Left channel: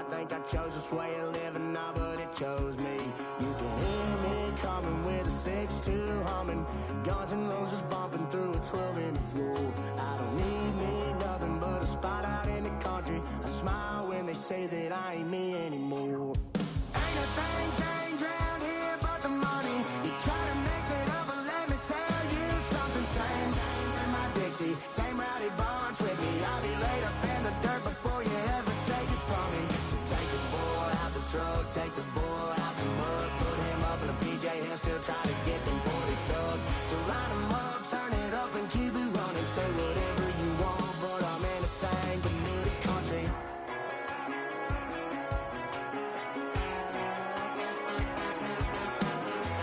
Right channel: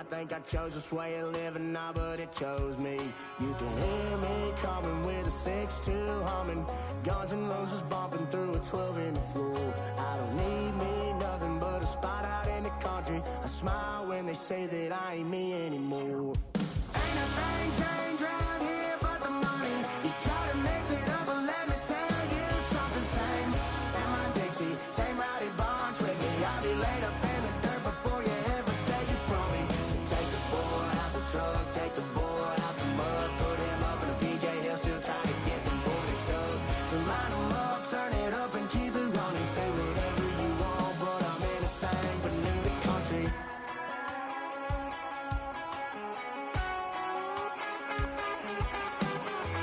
might think I chose this way of living now, but it chose me. You can hear me coming with a 6-2 humming, Guns N' Roses bumping through a 12 in the floor. I don't need me nothing but a spot out in the country. I smile when they say that I ain't me anymore. Ain't a thing changed around here but the money. You try to mix it up, but let me tell you something. Same my Dixie, same rowdy bunch with me. I'll be laid up in the dirt before you ever take it from me. So take the boy out the truck, take the boy out the mud, put him up in a PJ, he'll still try to get them 40 stuck. So line him up, turn it up and keep it running. Say whatever you want, but I'm anything but new to country.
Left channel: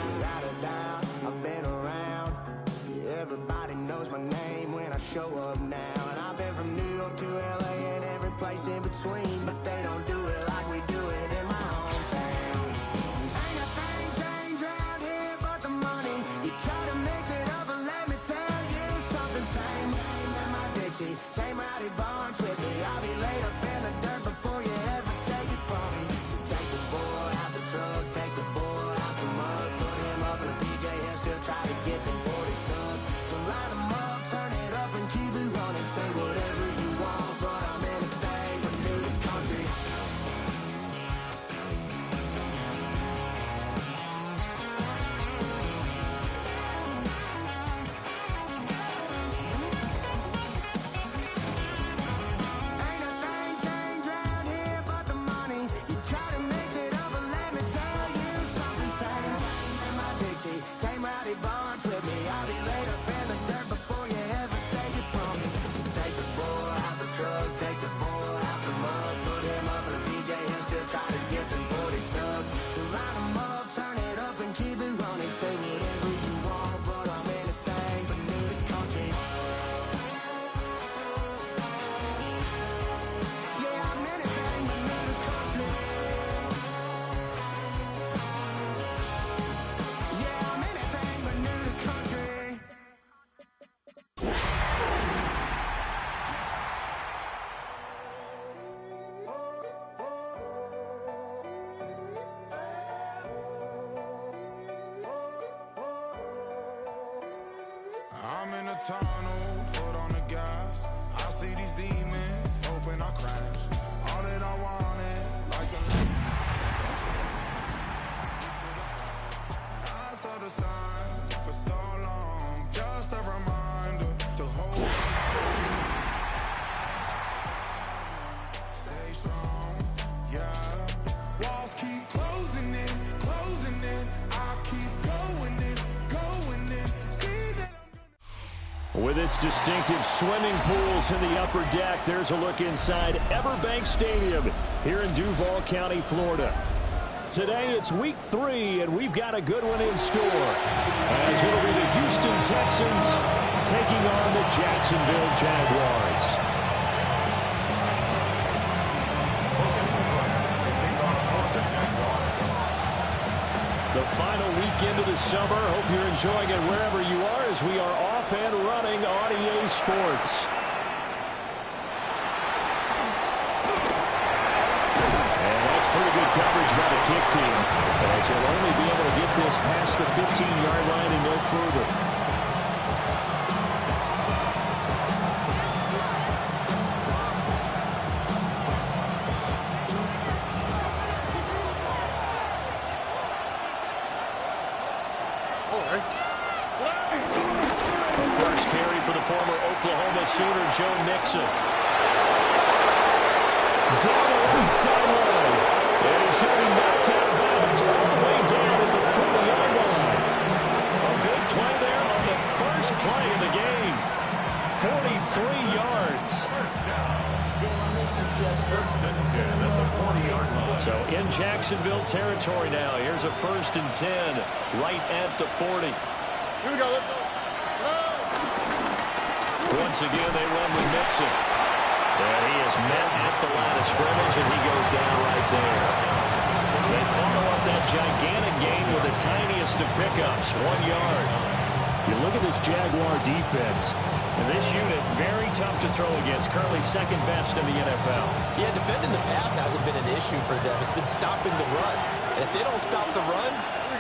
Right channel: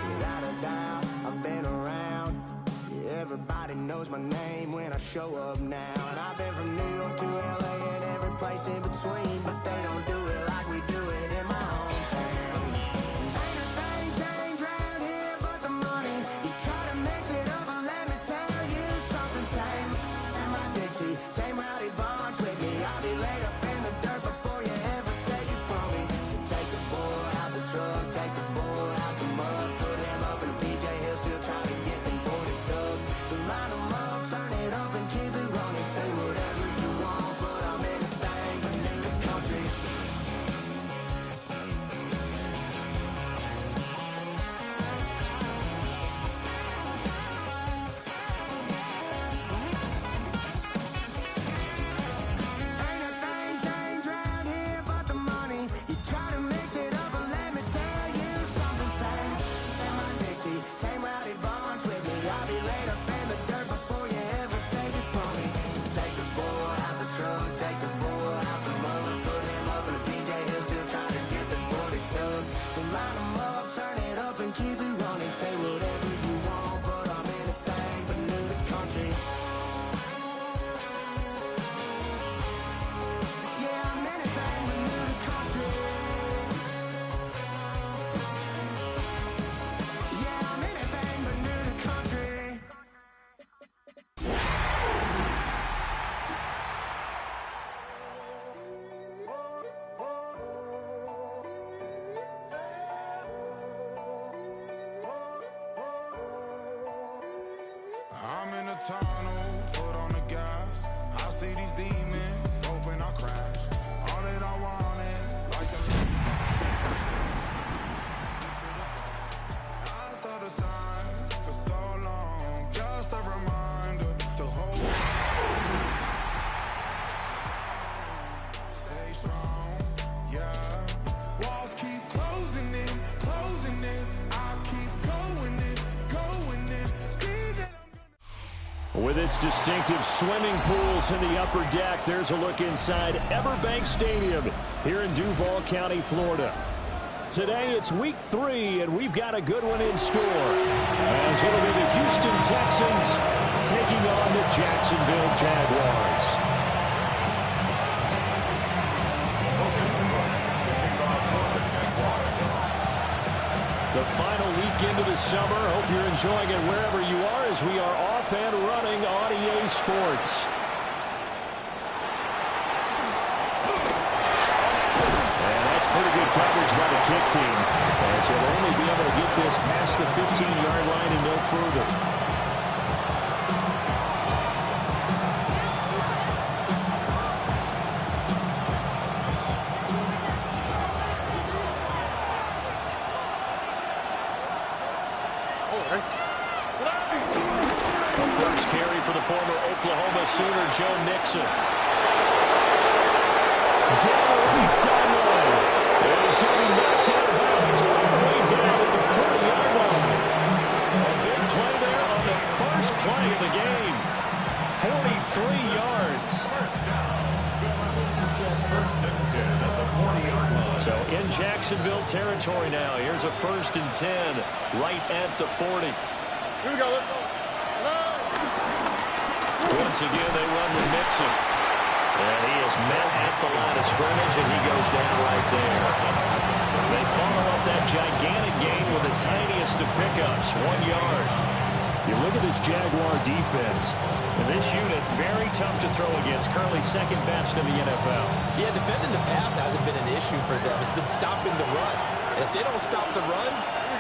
Without a doubt, I've been around. Yeah, everybody knows my name when I show up now. And I've been from New York to LA and every place in between, but they don't do it like we do it in my hometown. Ain't a thing changed around here but the money. You try to mix it up, but let me tell you something. Same my Dixie, same rowdy bunch with me. I'll be laid up in the dirt before you ever take it from me. So take the boy out the truck, take the boy out the mud, put him up in a PJ, he'll still try to get them 40 stuck. So line them up, turn it up and keep it running. Say whatever you want, but I'm anything but new to country. Ain't a thing changed around here but the money. You try to mix it up, but let me tell you something. Same my Dixie, same rowdy bunch with me. I'll be laid up in the dirt before you ever take it from me. So take the boy out the truck, take the boy out the mud, put him up in a PJ, he'll still try to get them 40 stuck. So line him up, turn it up and keep it running. Say whatever you want, but I'm anything but new to country. Yeah, I'm anything but new to country. Yeah, I'm anything but new to country. I'm in a tunnel, foot on the gas. I see these demons, hoping I crash. All that I wanted, like a I saw the signs for so long, just a reminder to hold on. Stay strong, yeah. Walls keep closing in, closing in. I keep going in, going in. See that I'm With its distinctive swimming pools in the upper deck, there's a look inside Everbank Stadium here in Duval County, Florida. Today it's week 3, and we've got a good one in store, as it'll be the Houston Texans taking on the Jacksonville Jaguars. The final weekend of the summer. Hope you're enjoying it wherever you are, as we are off and running on EA Sports. And that's pretty good coverage by the kick team, as he'll only be able to get this past the 15-yard line and no further. The first carry for the former Oklahoma Sooner, Joe Mixon. Down the right sideline. And he's going to be knocked out of bounds all the way down at the 40-yard line. A big play there on the first play of the game. 43 yards. First down. First and 10 at the 40-yard line. So in Jacksonville territory now. Here's a 1st and 10 right at the 40. Here we go, let's go. Once again, they run with Mixon. And he is met at the line of scrimmage, and he goes down right there. They follow up that gigantic gain with the tiniest of pickups, 1 yard. You look at this Jaguar defense. And this unit, very tough to throw against. Currently second best in the NFL. Yeah, defending the pass hasn't been an issue for them. It's been stopping the run. And if they don't stop the run,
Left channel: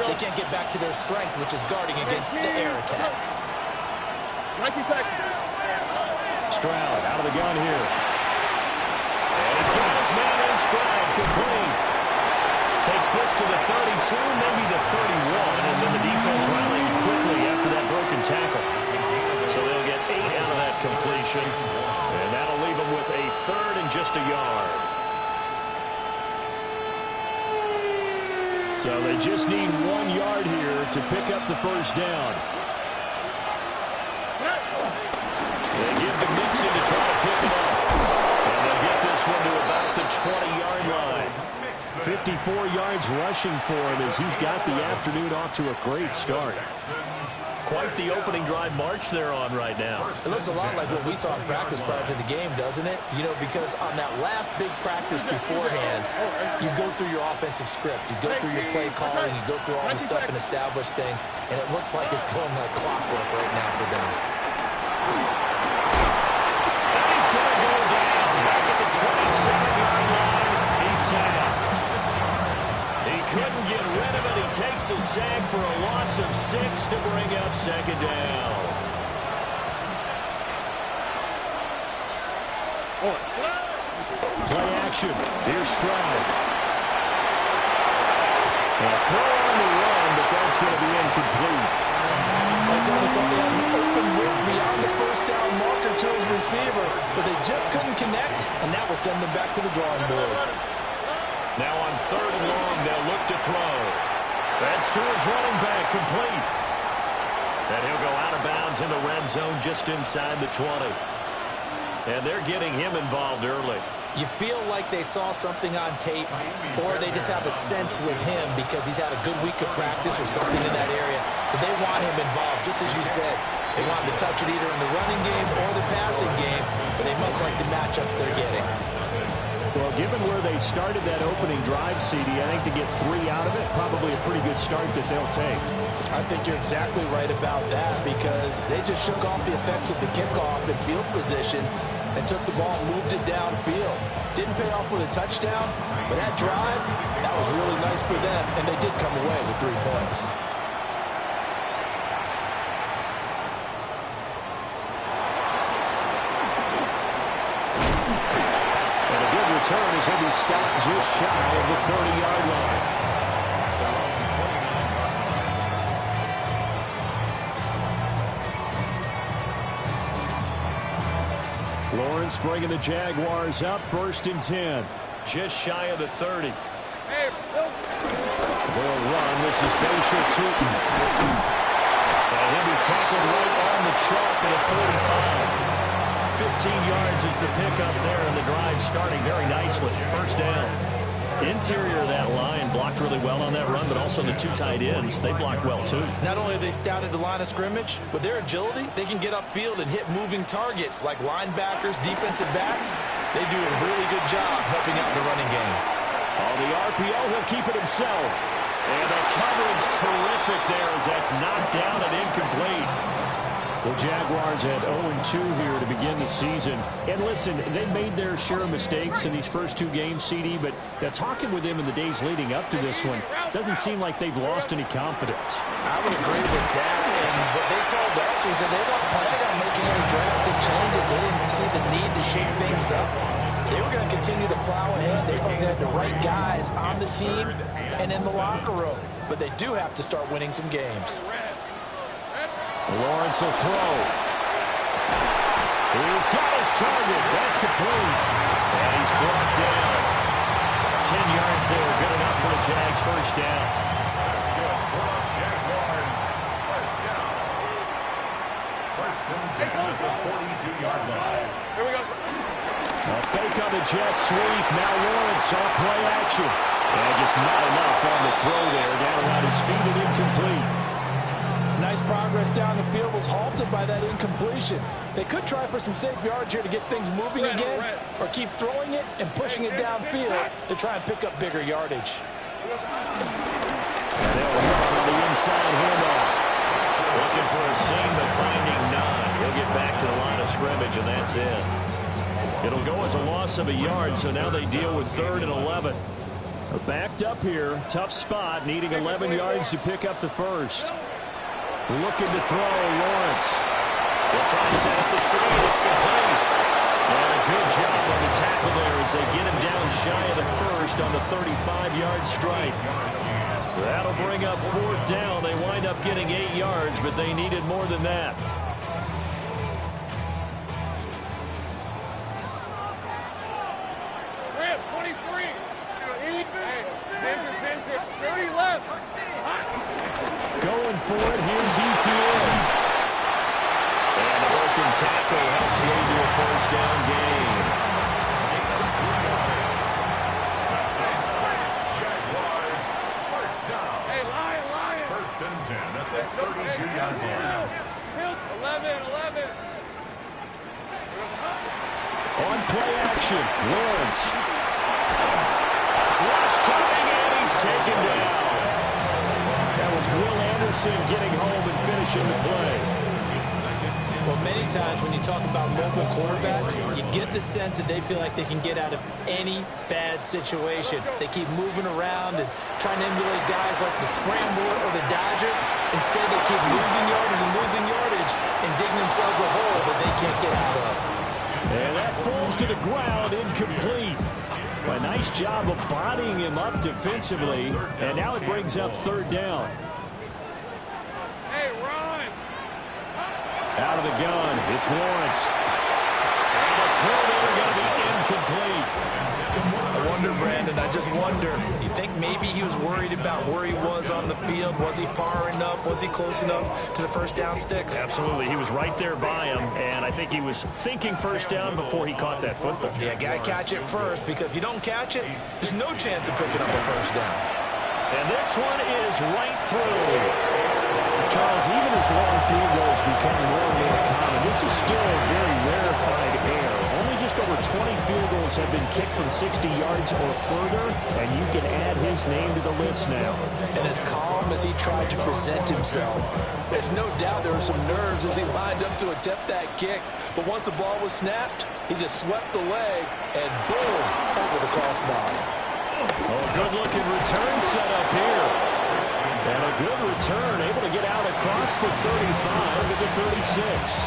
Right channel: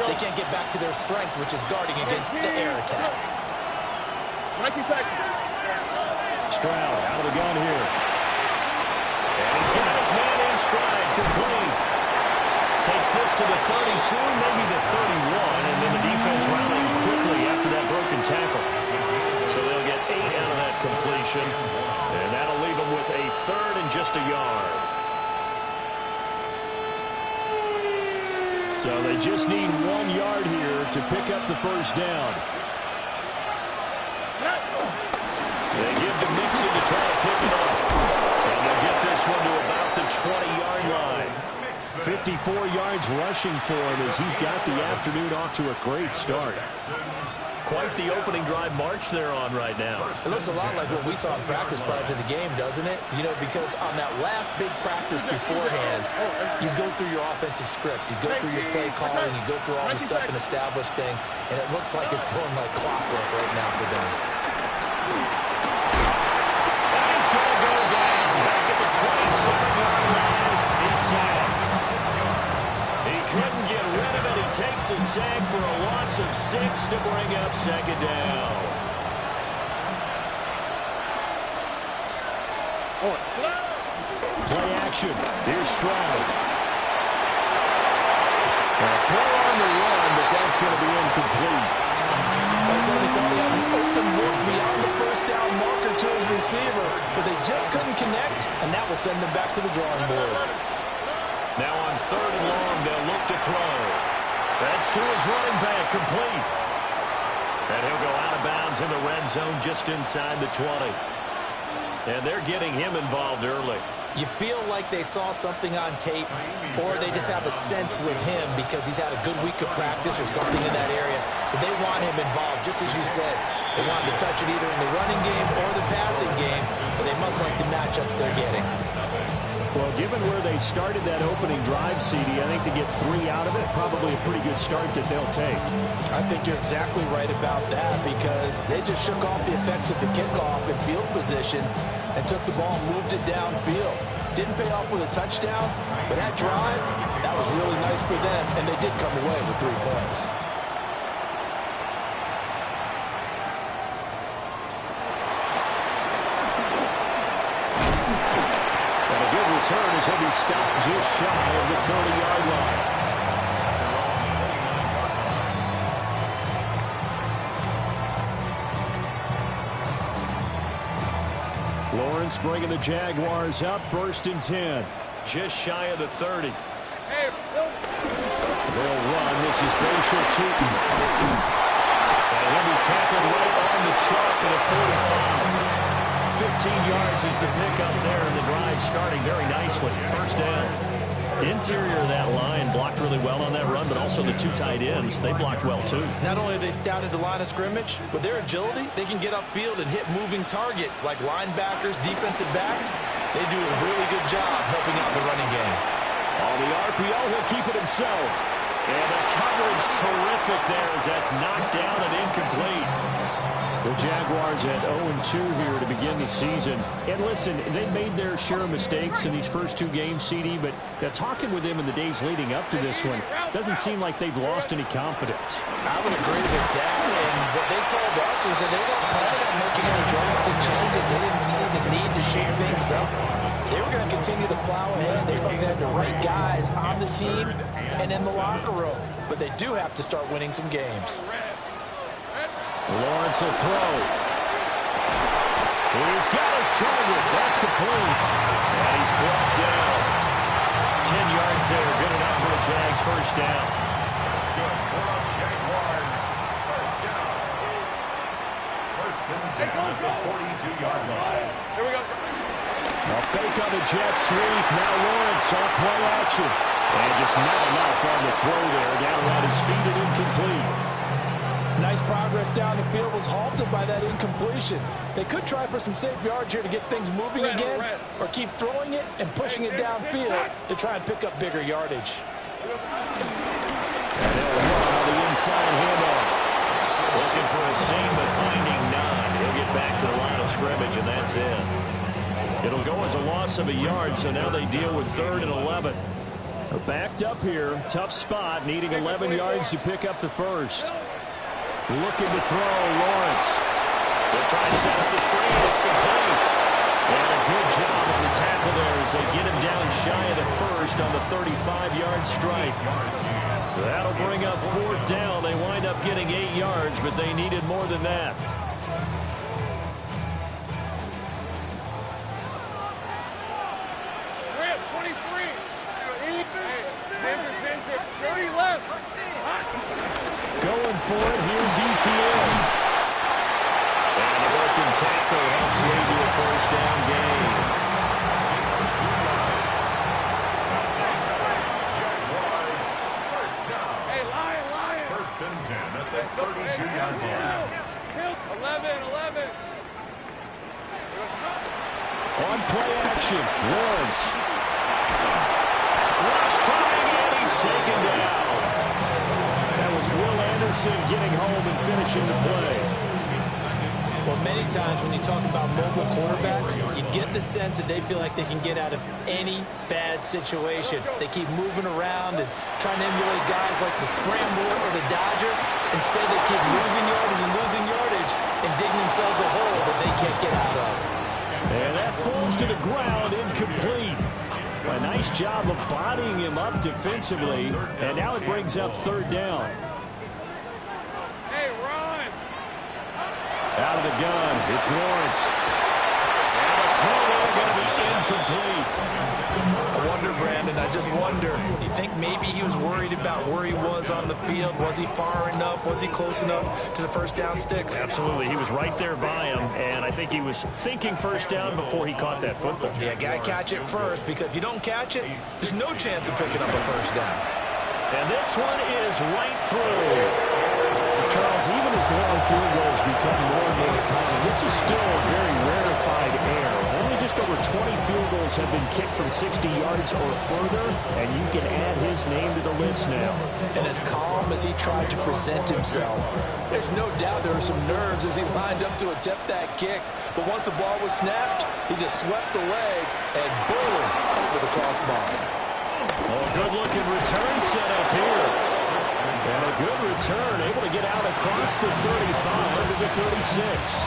they can't get back to their strength, which is guarding against the air attack. Stroud out of the gun here. And he's got his man in stride, complete. Takes this to the 32, maybe the 31, and then the defense rallying quickly after that broken tackle. So they'll get 8 out of that completion, and that'll leave them with a third and just a yard. So they just need 1 yard here to pick up the first down. They give to Mixon to try to pick it up. And they'll get this one to about the 20-yard line. 54 yards rushing for him as he's got the afternoon off to a great start. Quite the opening drive march they're on right now. It looks a lot like what we saw in practice prior to the game, doesn't it? You know, because on that last big practice beforehand, you go through your offensive script. You go through your play calling. You go through all the stuff and establish things. And it looks like it's going like clockwork right now for them. And he's going to go down back at the 27-yard line. He's sacked. He couldn't get rid of it. He takes a sack for a loss of 6 to bring up second down. Play action. Here's Stroud. A throw on the run, but that's going to be incomplete. I certainly thought he had an open look beyond the first down marker to his receiver, but they just couldn't connect, and that will send them back to the drawing board. Now on 3rd and long, they'll look to throw. That's to his running back, complete. And he'll go out of bounds in the red zone just inside the 20. And they're getting him involved early. You feel like they saw something on tape, or they just have a sense with him because he's had a good week of practice or something in that area. But they want him involved, just as you said. They want him to touch it either in the running game or the passing game, but they must like the matchups they're getting. Well, given where they started that opening drive, CD, I think to get 3 out of it, probably a pretty good start that they'll take. I think you're exactly right about that because they just shook off the effects of the kickoff and field position and took the ball and moved it downfield. Didn't pay off with a touchdown, but that drive, that was really nice for them, and they did come away with 3 points. And a good return as he'll be stopped just shy of the 30-yard line. Their own 29-yard line. Lawrence bringing the Jaguars up, 1st and 10. Just shy of the 30. They'll run. This is Bashir Tootin. And he'll be tackled right on the chalk at the 45. 15 yards is the pickup there, and the drive starting very nicely. First down. Interior of that line blocked really well on that run, but also the 2 tight ends, they blocked well too. Not only have they scouted the line of scrimmage, with their agility, they can get upfield and hit moving targets like linebackers, defensive backs. They do a really good job helping out the running game. On the RPO, he'll keep it himself. And the coverage terrific there as that's knocked down and incomplete. The Jaguars at 0-2 here to begin the season. And listen, they made their share of mistakes in these first 2 games, CD, but talking with them in the days leading up to this one, doesn't seem like they've lost any confidence. I would agree with that, and what they told us was that they weren't planning on making any drastic changes. They didn't see the need to shake things up. They were going to continue to plow ahead. They thought they had the right guys on the team and in the locker room, but they do have to start winning some games. Lawrence will throw. He's got his target. That's complete. And he's brought down. 10 yards there. Good enough for the Jags' first down. That's good for the Jaguars. First down. 1st and 10 at the 42-yard line. Here we go. A fake on the jet sweep. Now Lawrence on play action. And just not enough on the throw there. Down around his feet and incomplete. Nice progress down the field was halted by that incompletion. They could try for some safe yards here to get things moving again, or keep throwing it and pushing it downfield to try and pick up bigger yardage. And they'll run on the inside handoff. Looking for a seam, but finding none. He'll get back to the line of scrimmage, and that's it. It'll go as a loss of a yard, so now they deal with 3rd and 11. They're backed up here. Tough spot, needing 11 yards to pick up the first. Looking to throw, Lawrence. They'll try and set up the screen. It's complete. And a good job on the tackle there as they get him down shy of the first on the 35-yard strike. So that'll bring up 4th down. They wind up getting 8 yards, but they needed more than that. Going for it, here's ETN. And a broken tackle helps lead to a 1st down gain. Jaguars, 1st down. Hey, Lion. 1st and 10 at the 32-yard line. 11. On play action, Lawrence. Rush coming, and he's taken down. That was Will Anderson getting home and finishing the play. Well, many times when you talk about mobile quarterbacks, you get the sense that they feel like they can get out of any bad situation. They keep moving around and trying to emulate guys like the Scrambler or the Dodger. Instead, they keep losing yardage and digging themselves a hole that they can't get out of. And that falls to the ground, incomplete. A nice job of bodying him up defensively, and now it brings up 3rd down. Hey, Ron. Out of the gun, it's Lawrence. And a throw there going to be incomplete. I wonder, Brandon, I just wonder, you think maybe he was worried about where he was on the field? Was he far enough? Was he close enough to the 1st down sticks? Absolutely. He was right there by him, and I think he was thinking 1st down before he caught that football. Yeah, got to catch it first, because if you don't catch it, there's no chance of picking up a 1st down. And this one is right through. Charles, even as long field goals become more and more common, this is still a very rarefied air. Only just over 20 field goals have been kicked from 60 yards or further, and you can add his name to the list now. And as calm as he tried to present himself, there's no doubt there were some nerves as he lined up to attempt that kick. But once the ball was snapped, he just swept the leg and boom, over the crossbar. Oh, a good-looking return set up here. And a good return, able to get out across the 35 to the 36.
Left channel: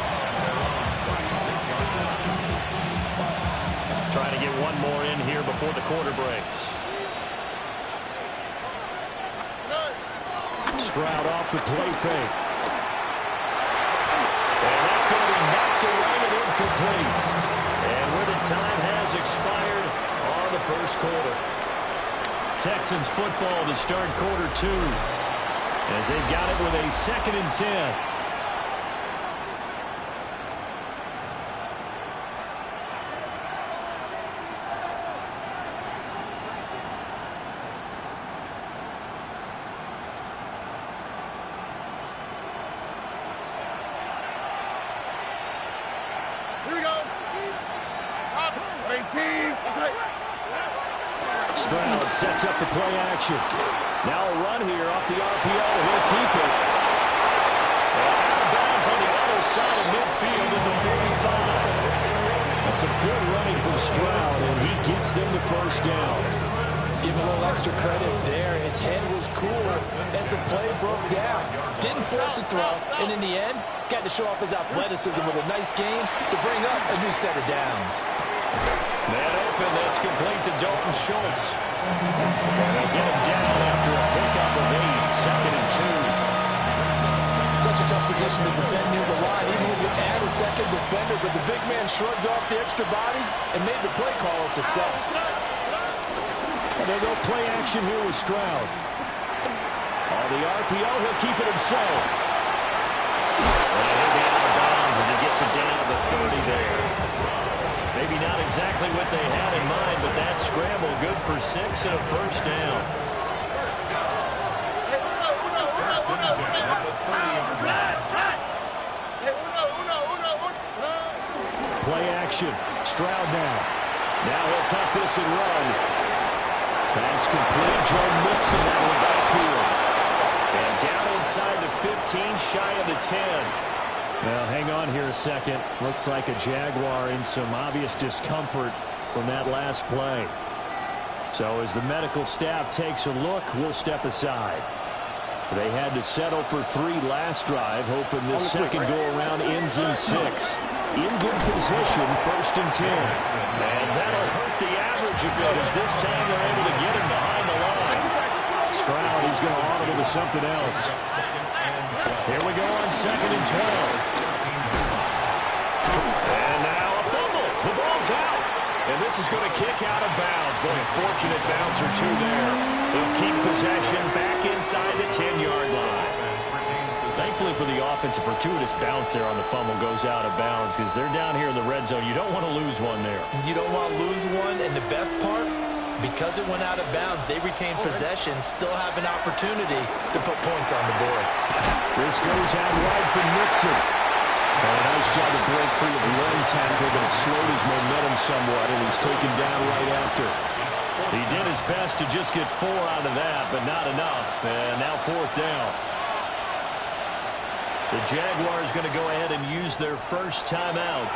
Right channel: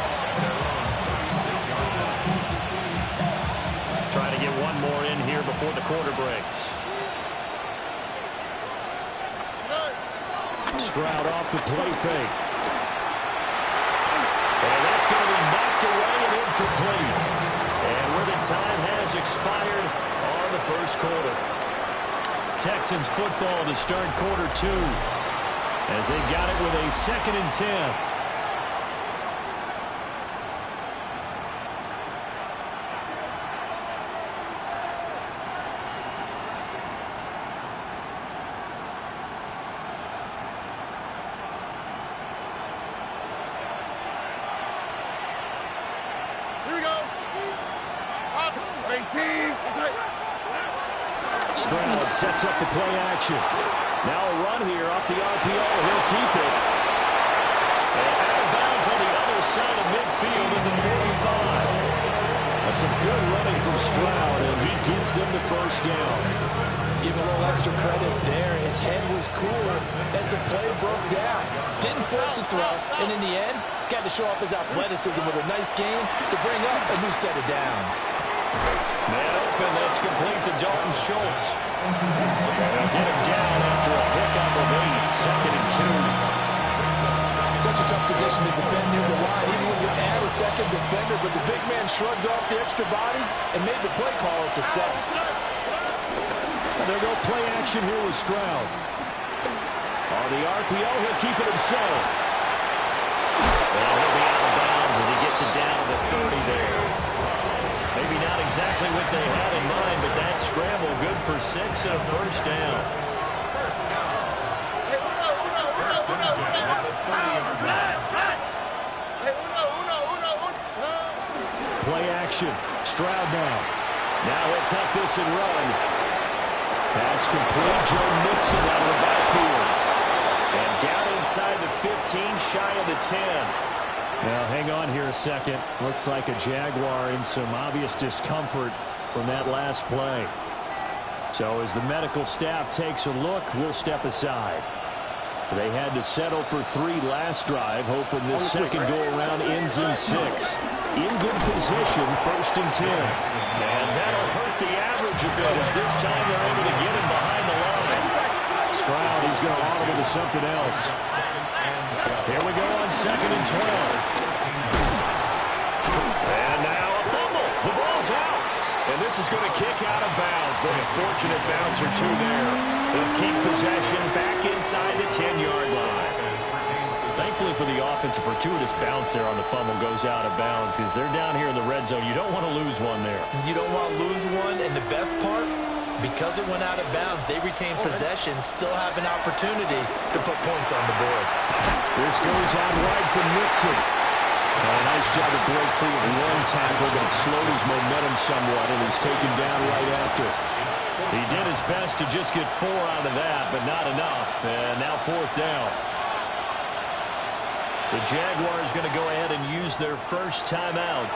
Trying to get one more in here before the quarter breaks. Stroud off the play fake. And that's going to be knocked away and incomplete. And where the time has expired on the 1st quarter. Texans football to start quarter 2. As they've got it with a 2nd and 10. Here we go. Up. 18. Stroud sets up the play action. Now a run here off the RPO. He'll keep it. And out of bounds on the other side of midfield at the 45. That's some good running from Stroud, and he gets them the 1st down. Give him a little extra credit there. His head was cool as the play broke down. Didn't force a throw, and in the end, got to show off his athleticism with a nice gain to bring up a new set of downs. Man open, that's complete to Dalton Schultz. And they'll get him down after a pickup of 8, 2nd and 2. Such a tough position to defend near the line, even when you add a second defender, but the big man shrugged off the extra body and made the play call a success. And they'll go play action here with Stroud. On the RPO, he'll keep it himself. And he'll be out of bounds as he gets it down to the 30 there. Maybe not exactly what they had in mind, but that scramble good for 6 and a 1st down. Play action. Stroud now. Now he'll tuck this and run. Pass complete. Joe Mixon out of the backfield. And down inside the 15, shy of the 10. Now, hang on here a second. Looks like a Jaguar in some obvious discomfort from that last play. So as the medical staff takes a look, we'll step aside. They had to settle for 3 last drive, hoping this second go-around ends in 6. In good position, 1st and 10. And that'll hurt the average a bit as this time they're able to get him behind the line. Stroud, he's going to audible to something else. Here we go on 2nd and 12. And now a fumble. The ball's out. And this is going to kick out of bounds. Boy, a fortunate bounce or two there. They'll keep possession back inside the 10-yard line. Thankfully for the offense, a fortuitous bounce there on the fumble goes out of bounds because they're down here in the red zone. You don't want to lose one there. You don't want to lose one, and the best part, because it went out of bounds, they retain possession, still have an opportunity to put points on the board. This goes out wide for Nixon. A nice job to break free of one tackle, but it slowed his momentum somewhat, and he's taken down right after. He did his best to just get 4 out of that, but not enough. And now 4th down. The Jaguars going to go ahead and use their first timeout.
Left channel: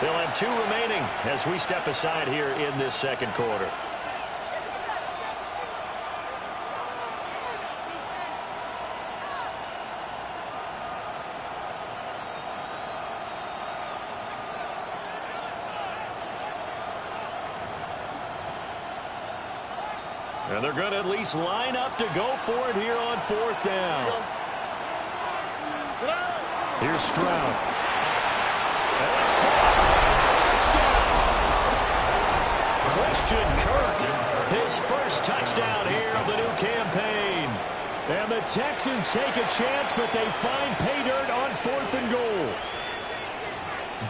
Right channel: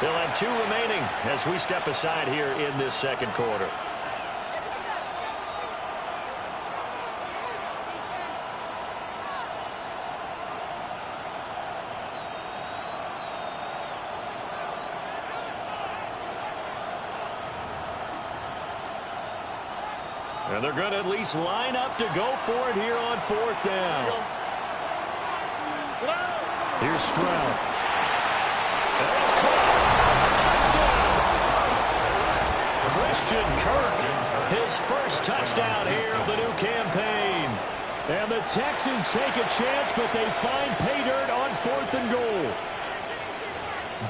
They'll have 2 remaining as we step aside here in this second quarter. And they're going to at least line up to go for it here on 4th down. Here's Stroud. And it's caught. Touchdown. Christian Kirk, his first touchdown here of the new campaign. And the Texans take a chance, but they find pay dirt on 4th and goal.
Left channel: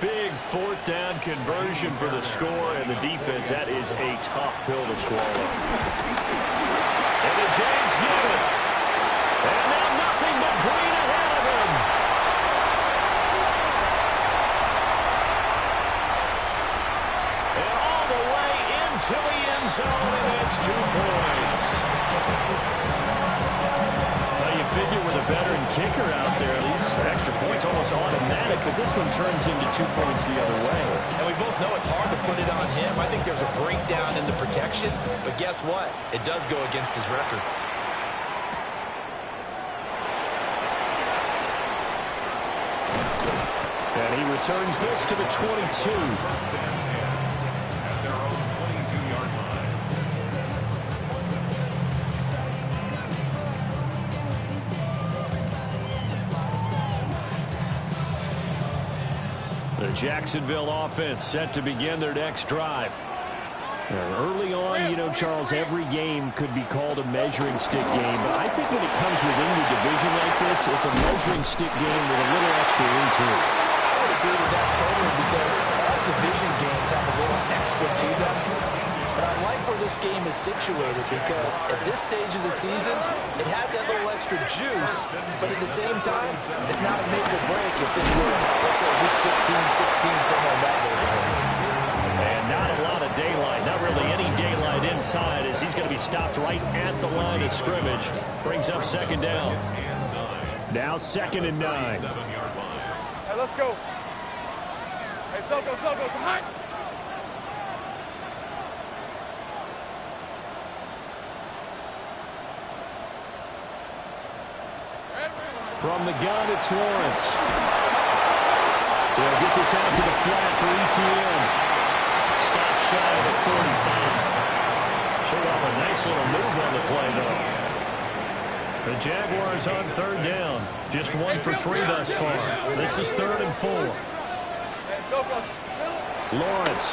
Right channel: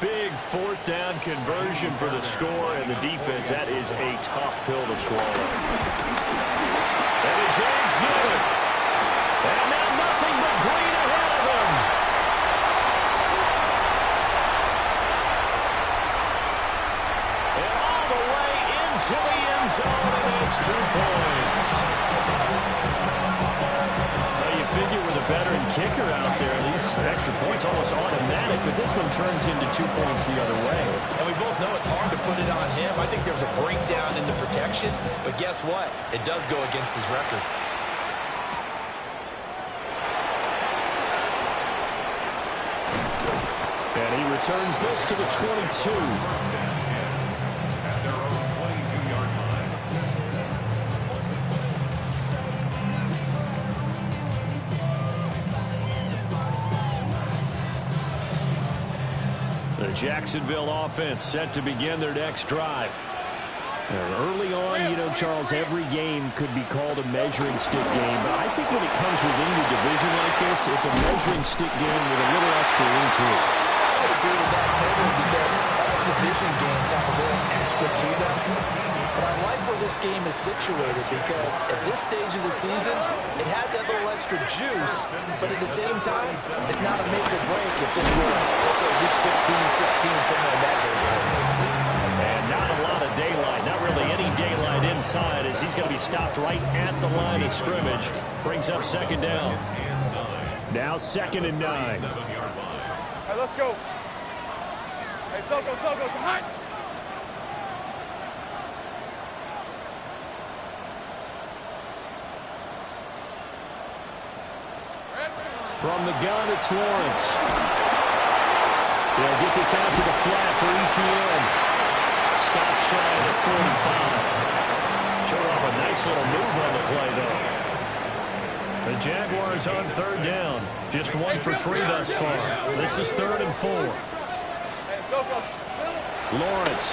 Big 4th down conversion for the score, and the defense, that is a tough pill to swallow. And the Jags get it. And now nothing but green ahead of him. And all the way into the end zone, and it's 2 points. Well, you figure with a veteran kicker out there, these extra points almost automatic, but this one turns into 2 points the other way. And we both know it's hard to put it on him. I think there's a breakdown in the protection, but guess what? It does go against his record. And he returns this to the 22. At their own 22-yard line. The Jacksonville offense set to begin their next drive. And early on, you know, Charles, every game could be called a measuring stick game. But I think when it comes within your division like this, it's a measuring stick game with a little extra into it. I would agree with that totally because all division games have a little extra to them. But I like where this game is situated because at this stage of the season, it has that little extra juice, but at the same time, it's not a make or break if this were, let's say, week 15, 16, somewhere in that neighborhood. And not a lot of daylight, not really any daylight inside as he's going to be stopped right at the line of scrimmage. Brings up 2nd down. Now 2nd and 9. Hey, let's go. Hey, Soko, hot. From the gun, it's Lawrence. They'll get this out to the flat for ETN. Stop shy of the 45. Showed off a nice little move on the play, though. The Jaguars on 3rd down. Just 1 for 3 thus far. This is 3rd and 4. Lawrence.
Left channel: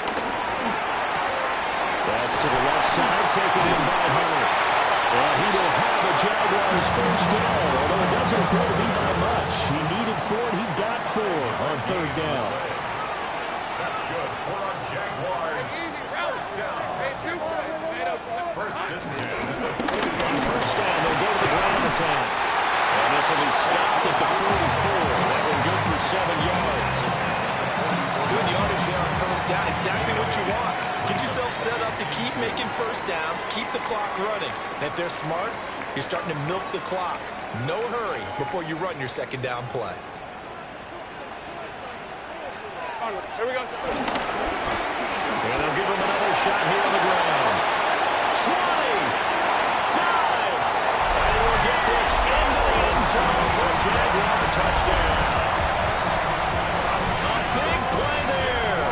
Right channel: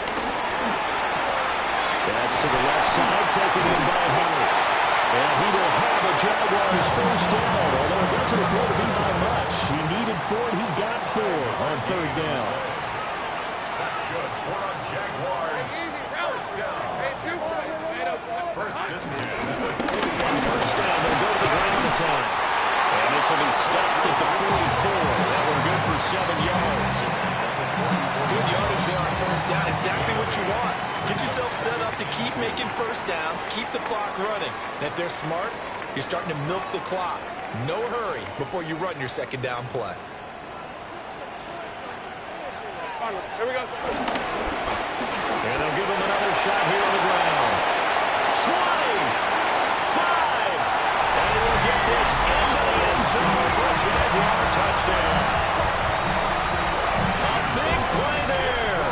That's to the left side, taken in by Hubbard. And he will have a Jaguars first down, although it doesn't appear to be by much. He needed 4, and he got 4 on 3rd down. That's good for a Jaguars. First down. First and 10. On 1st down, they'll go to the ground attack. And this will be stopped at the 44. That one good for 7 yards. Good yardage there on 1st down. Exactly what you want. Get yourself set up to keep making 1st downs, keep the clock running. And if they're smart, You're starting to milk the clock. No hurry before you run your second down play. Here we go. And they'll give him another shot here on the ground. 25. And he will get this into the end zone for a Jaguar touchdown. A big play there.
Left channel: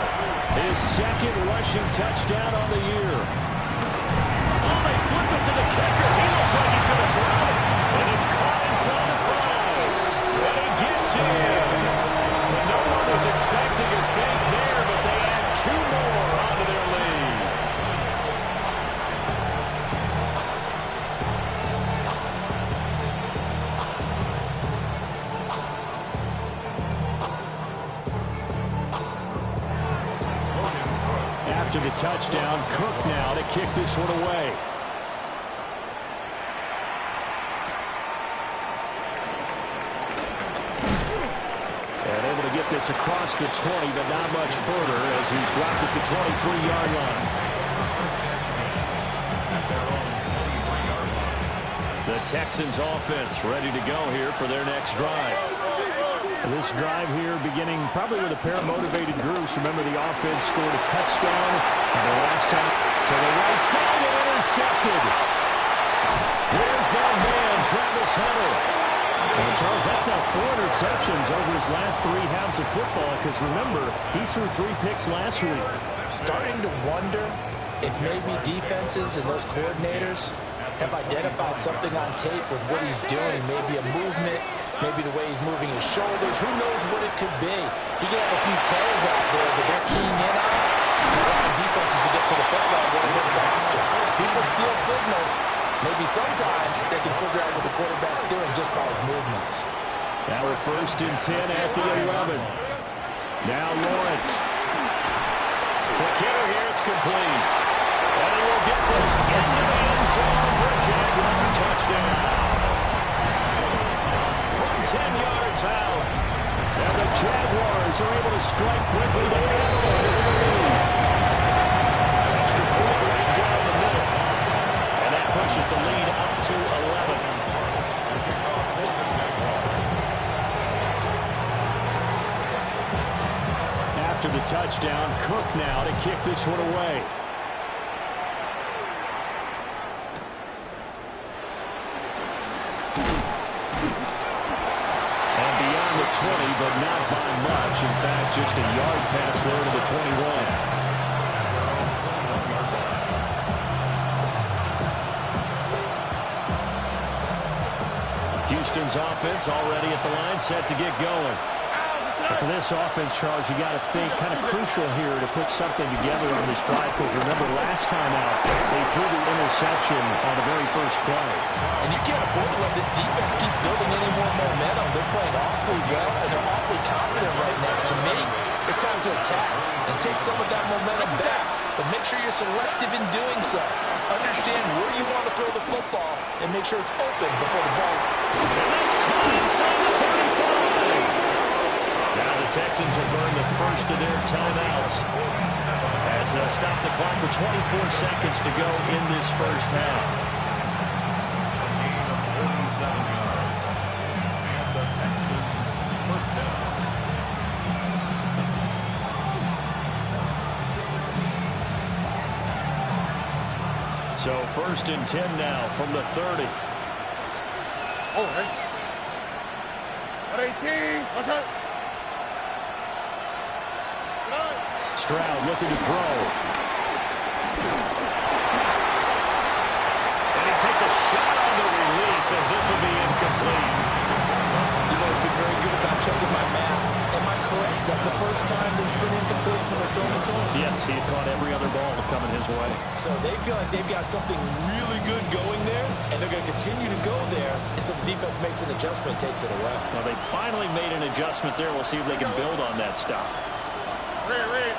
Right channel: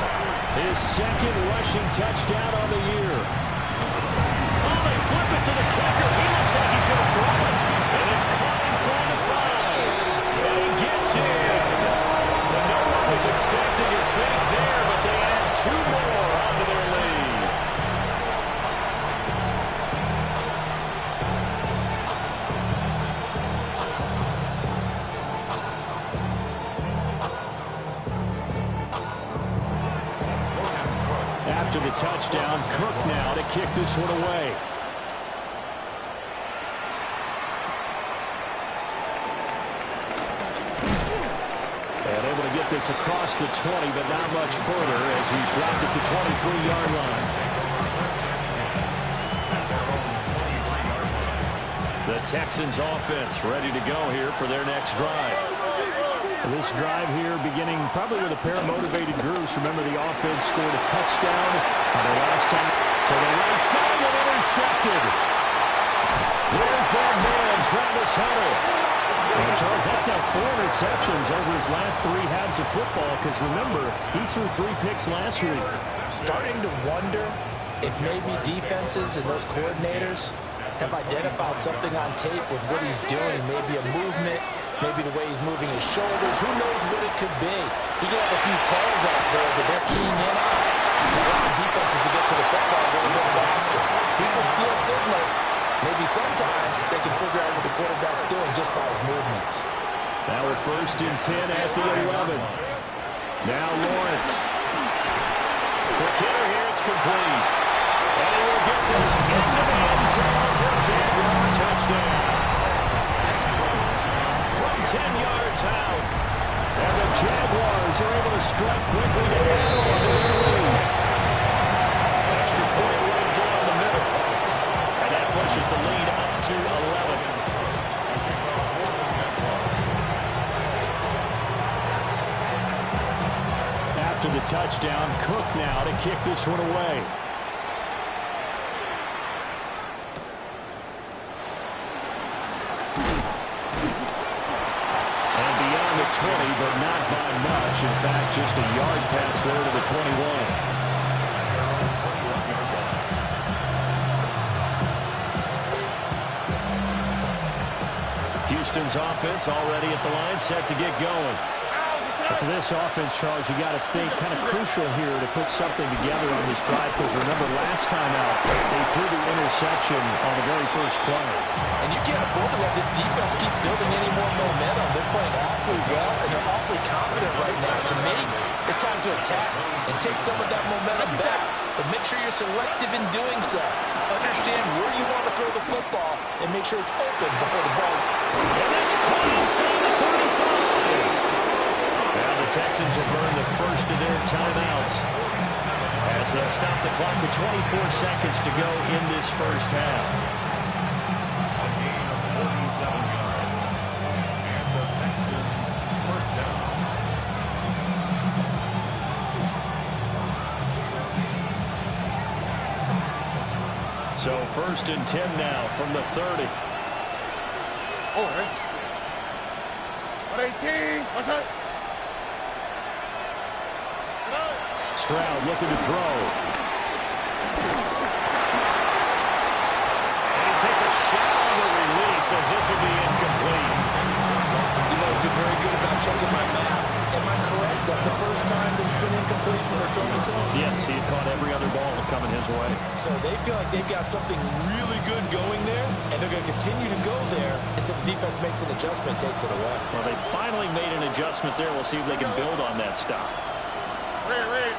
His second rushing touchdown on the year. Oh, they flip it to the kicker. He looks like he's going to throw it. And it's caught inside the 5. And he gets in. But no one was expecting a fake there, but they add 2 more onto their lead. After the touchdown, Cook now to kick this one away. And able to get this across the 20, but not much further as he's dropped it to 23-yard line. The Texans offense ready to go here for their next drive. This drive here beginning probably with a pair of motivated groups. Remember, the offense scored a touchdown on their last time to the right side and intercepted. There's that man, Travis Hunter. And Charles, that's now 4 interceptions over his last 3 halves of football, because remember, he threw 3 picks last week. Starting to wonder if maybe defenses and those coordinators have identified something on tape with what he's doing. Maybe a movement, maybe the way he's moving his shoulders. Who knows what it could be? He could have a few tails out there that they're keying in on, allowing defenses to get to the football a little bit faster. People steal signals. Maybe sometimes they can figure out what the quarterback's doing just by his movements. Now we're 1st and 10 at the 11. Now Lawrence. Quick hitter here. It's complete. And he will get this into the end zone for a Jaguar touchdown. From 10 yards out. And the Jaguars are able to strike quickly to add on to their lead. Extra point right down the middle. And that pushes the lead up to 11. After the touchdown, Cook now to kick this one away. And beyond the 20, but not by much. In fact, just a yard pass there to the 21. Houston's offense already at the line, set to get going. But for this offense, Charles, you got to think kind of crucial here to put something together on this drive, because remember last time out, they threw the interception on the very first play. And you can't afford to let this defense keep building any more momentum. They're playing awfully well, and they're awfully confident right now. To me, it's time to attack and take some of that momentum back. But make sure you're selective in doing so. Understand where you want to throw the football and make sure it's open before the ball. And that's caught inside the 35. Now the Texans will burn the first of their timeouts as they'll stop the clock with 24 seconds to go in this first half. A gain of 47 yards. And the Texans first down. So 1st and 10 now from the 30. Oh, hey. 118. What's up? Stroud looking to throw. And he takes a shot on the release as this will be incomplete. You've always been very good about checking my math. Am I correct? That's the first time that it's been incomplete when they're throwing it to him? Yes, he had caught every other ball coming his way. So they feel like they've got something really good going there, and they're going to continue to go there until the defense makes an adjustment, takes it away. Well, they finally made an adjustment there. We'll see if they can build on that stop. Wait.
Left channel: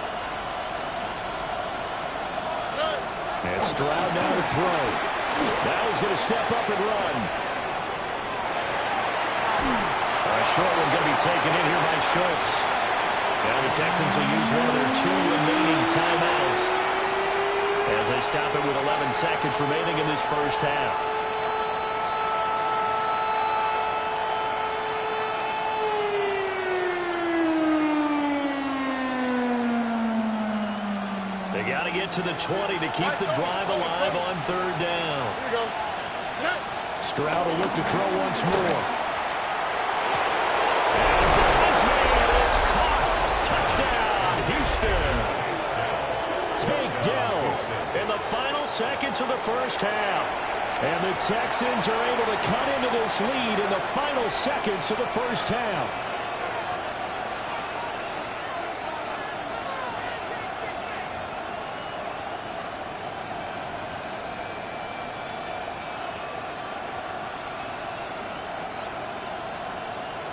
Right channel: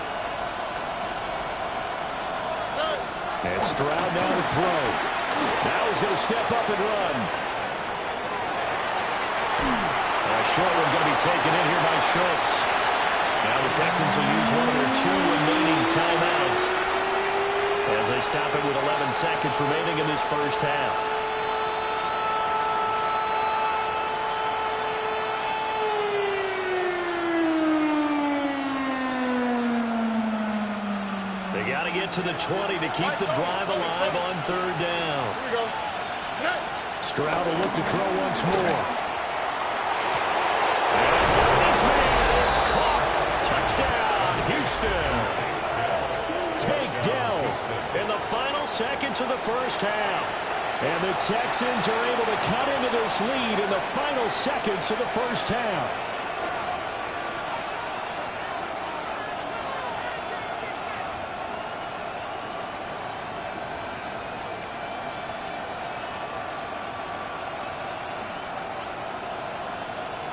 And Stroud now to throw. Now he's going to step up and run. A short one going to be taken in here by Schultz. Now the Texans will use one of their 2 remaining timeouts as they stop it with 11 seconds remaining in this first half. get to the 20 to keep the drive alive on third down. Here we go. Stroud will look to throw once more. And this man is caught. Touchdown, Houston. Takedown in the final seconds of the first half. And the Texans are able to cut into this lead in the final seconds of the first half.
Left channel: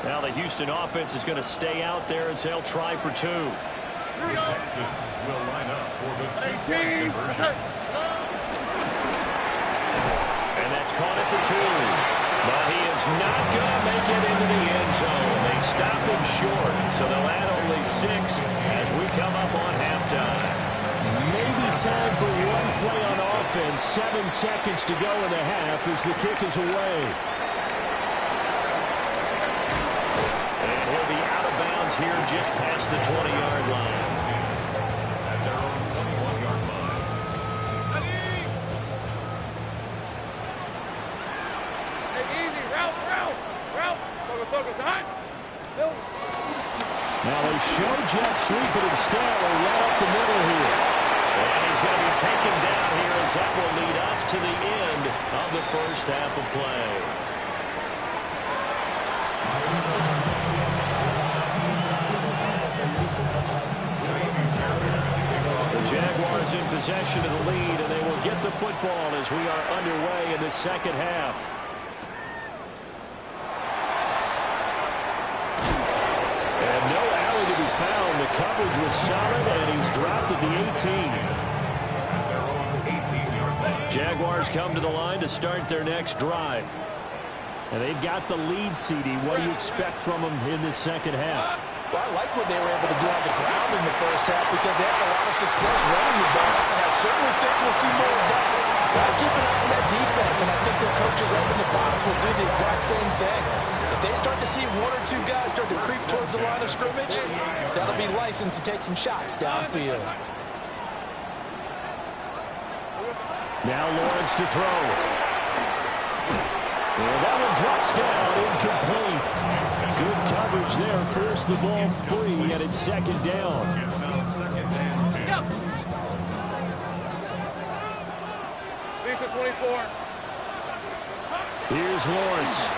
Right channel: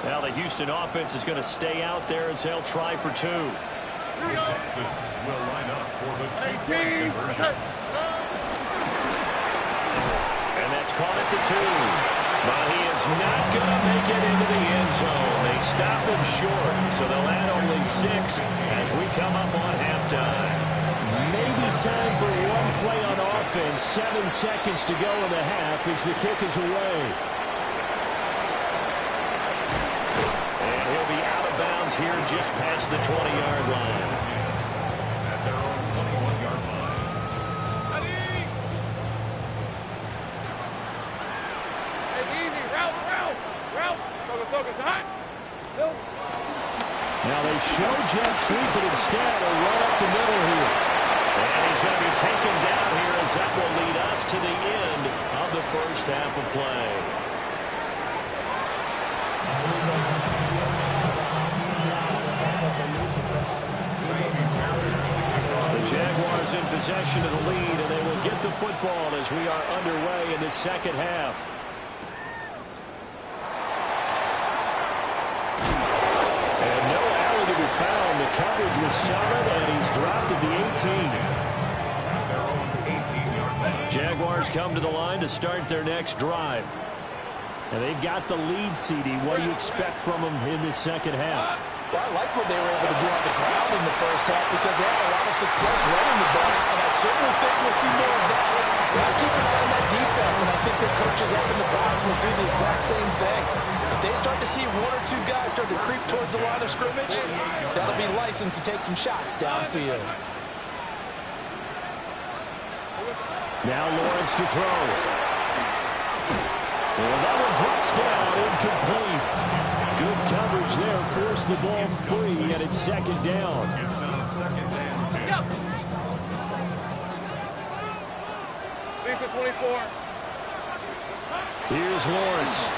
Now the Houston offense is going to stay out there as they'll try for two. The Texans will line up for the two-point conversion. And that's caught at the 2. But he is not going to make it into the end zone. They stop him short, so they'll add only 6 as we come up on halftime. Maybe time for one play on offense. 7 seconds to go in the half as the kick is away. And he'll be out of bounds here just past the 20-yard line. At their own 21-yard line. Now they show jet sweep, but instead are right up the middle here. And he's going to be taken down here as that will lead us to the end of the first half of play. The Jaguars in possession of the lead, and they will get the football as we are underway in the second half. And no alley to be found. The coverage was solid, and he's dropped at the 18. Their own 18-yard line. Jaguars come to the line to start their next drive. And they've got the lead, CD. What do you expect from them in this second half? Well, I like what they were able to do on the ground in the first half because they had a lot of success running the ball, and I certainly think we'll see more of that. Got to keep an eye on that defense, and I think their coaches up in the box will do the exact same thing. If they start to see 1 or 2 guys start to creep towards the line of scrimmage, that'll be license to take some shots downfield. Now Lawrence to throw. And that one drops down, incomplete. Good coverage there, forced the ball free, and it's second down. It's now second and 10. Lisa 24. Here's Lawrence.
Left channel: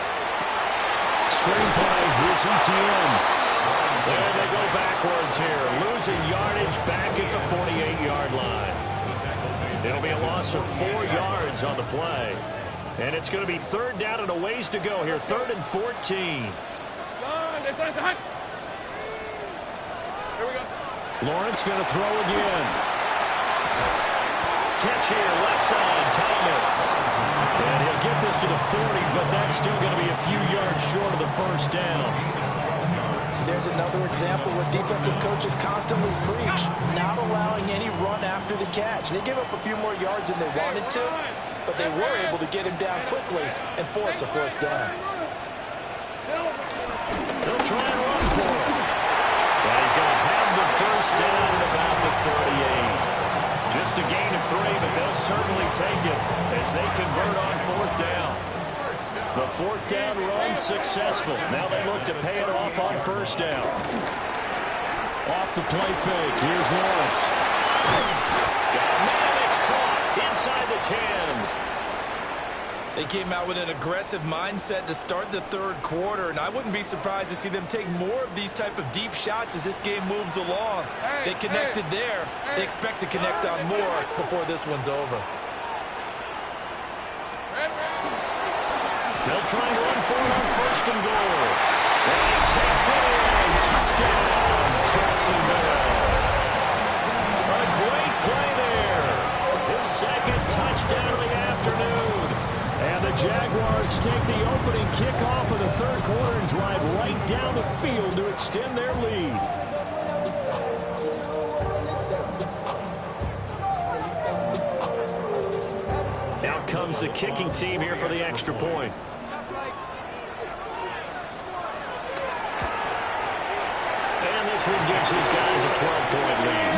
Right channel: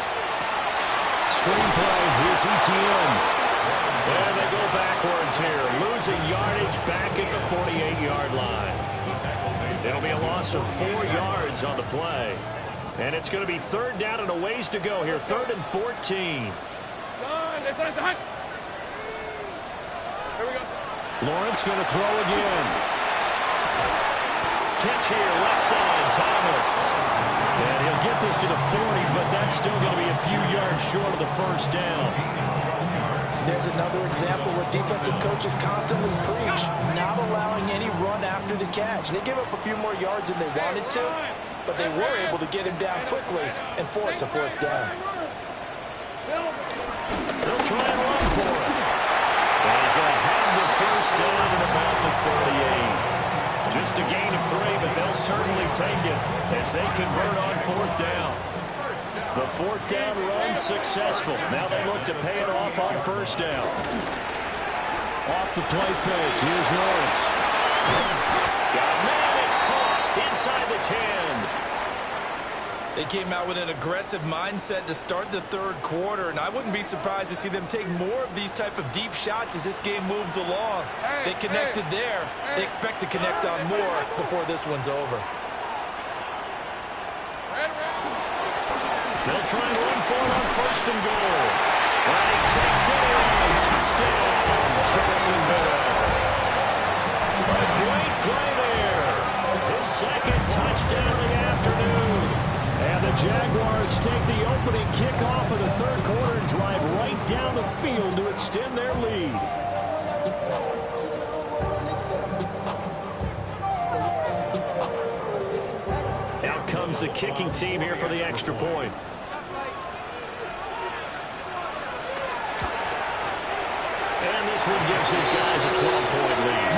Screenplay, here's ETN. And they go backwards here, losing yardage back at the 48-yard line. It'll be a loss of 4 yards on the play. And it's going to be third down and a ways to go here, 3rd and 14. Son. Here we go. Lawrence going to throw again. Catch here, left side, Thomas. And he'll get this to the 40, but that's still going to be a few yards short of the first down. There's another example where defensive coaches constantly preach not allowing any run after the catch. They give up a few more yards than they wanted to, but they were able to get him down quickly and force a 4th down. They'll try and run for it. And he's going to have the first down at about the 38. Just a gain of 3, but they'll certainly take it as they convert on 4th down. The 4th down run successful. Now they look to pay it off on 1st down. Off the play fake. Here's Lawrence. Got a man. It's caught inside the 10. They came out with an aggressive mindset to start the 3rd quarter, and I wouldn't be surprised to see them take more of these type of deep shots as this game moves along. They connected there. They expect to connect on more before this one's over. They'll try and run for it on 1st and goal. And he takes it in. Touchdown, Jacksonville. A great play there. His 2nd touchdown of the afternoon. And the Jaguars take the opening kickoff of the 3rd quarter and drive right down the field to extend their lead. Out comes the kicking team here for the extra point. And this one gives his guys a 12-point lead.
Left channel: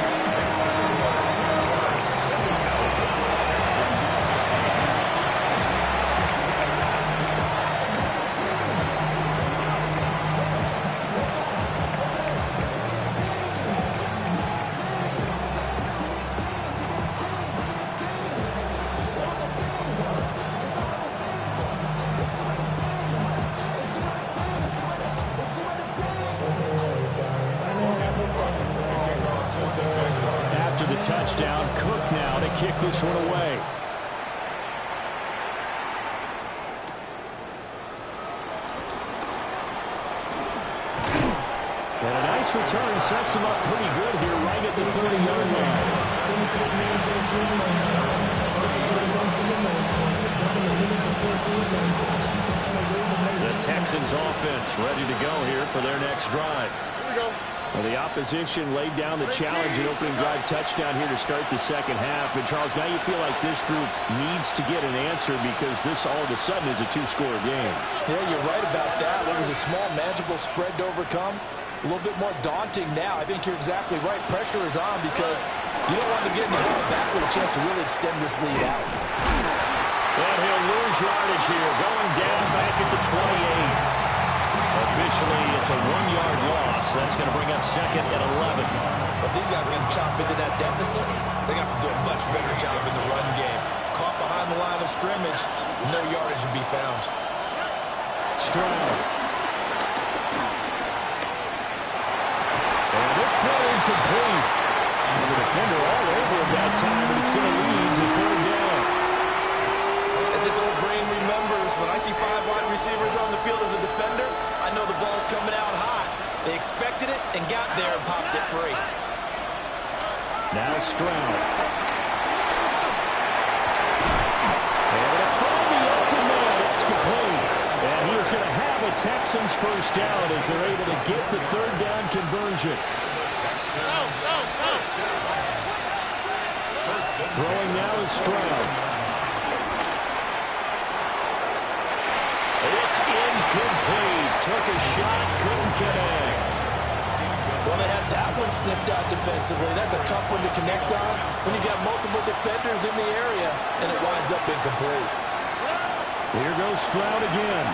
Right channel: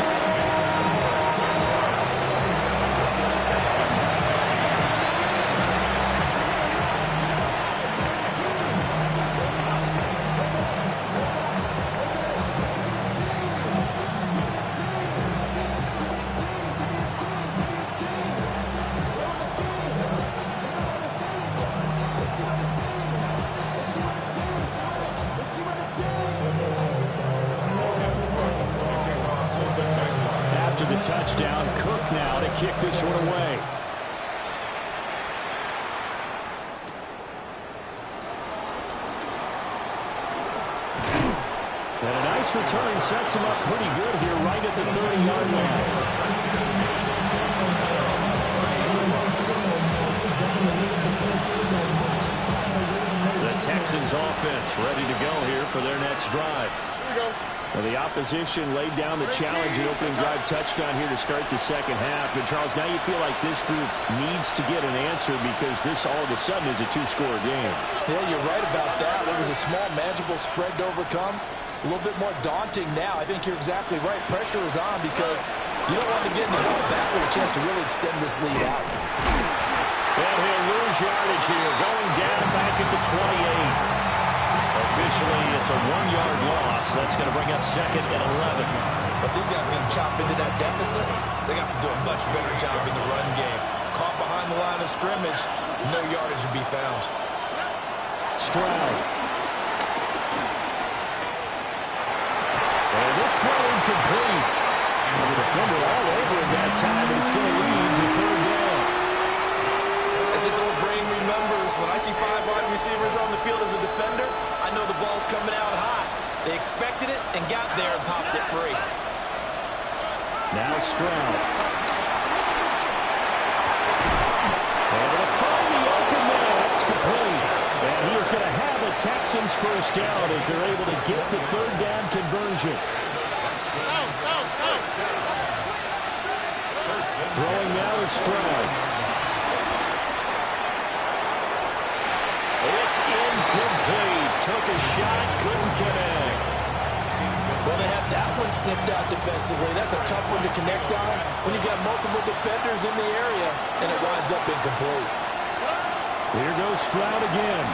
the touchdown. Cook now to kick this one away. And a nice return sets him up pretty good here right at the 30-yard line. The Texans offense ready to go here for their next drive. Here we go. Well, the opposition laid down the challenge and opening drive touchdown here to start the second half. And, Charles, now you feel like this group needs to get an answer because this all of a sudden is a two-score game. Yeah, you're right about that. It was a small, manageable spread to overcome. A little bit more daunting now. I think you're exactly right. Pressure is on because you don't want to get in the ball back with a chance to really extend this lead out. And he'll lose yardage here, going down back at the 28. Officially, it's a 1-yard loss. That's going to bring up second and 11. But these guys are going to chop into that deficit. They got to do a much better job in the run game. Caught behind the line of scrimmage, no yardage to be found. Stroud. And this throw incomplete. And the defender all over him that time, but it's going to lead to third down. As this old brain remembers, when I see 5 wide receivers on the field as a defender, I know the ball's coming out hot. They expected it and got there and popped it free. Now Stroud. Able to find the open man. That's complete. And he is going to have a Texans first down as they're able to get the third down conversion. Throwing now is Stroud. It's incomplete. Took a shot, couldn't connect. Well, they had that one snipped out defensively. That's a tough one to connect on when you got multiple defenders in the area, and it winds up incomplete. Here goes Stroud again.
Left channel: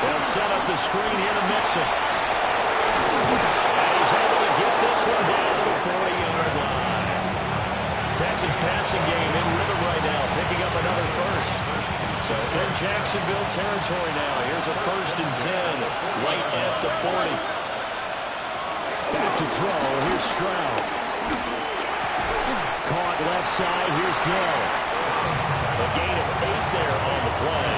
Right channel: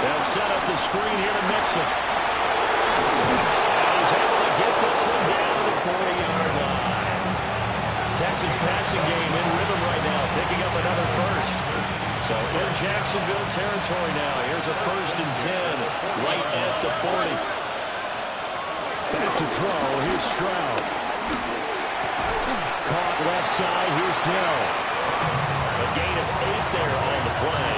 They'll set up the screen here to Mixon. And he's able to get this one down to the 40-yard line. Texans passing game in rhythm right now, picking up another first. So in Jacksonville territory now. Here's a 1st and 10 right at the 40. Back to throw. Here's Stroud. Caught left side. Here's Dell. A gain of 8 there on the play.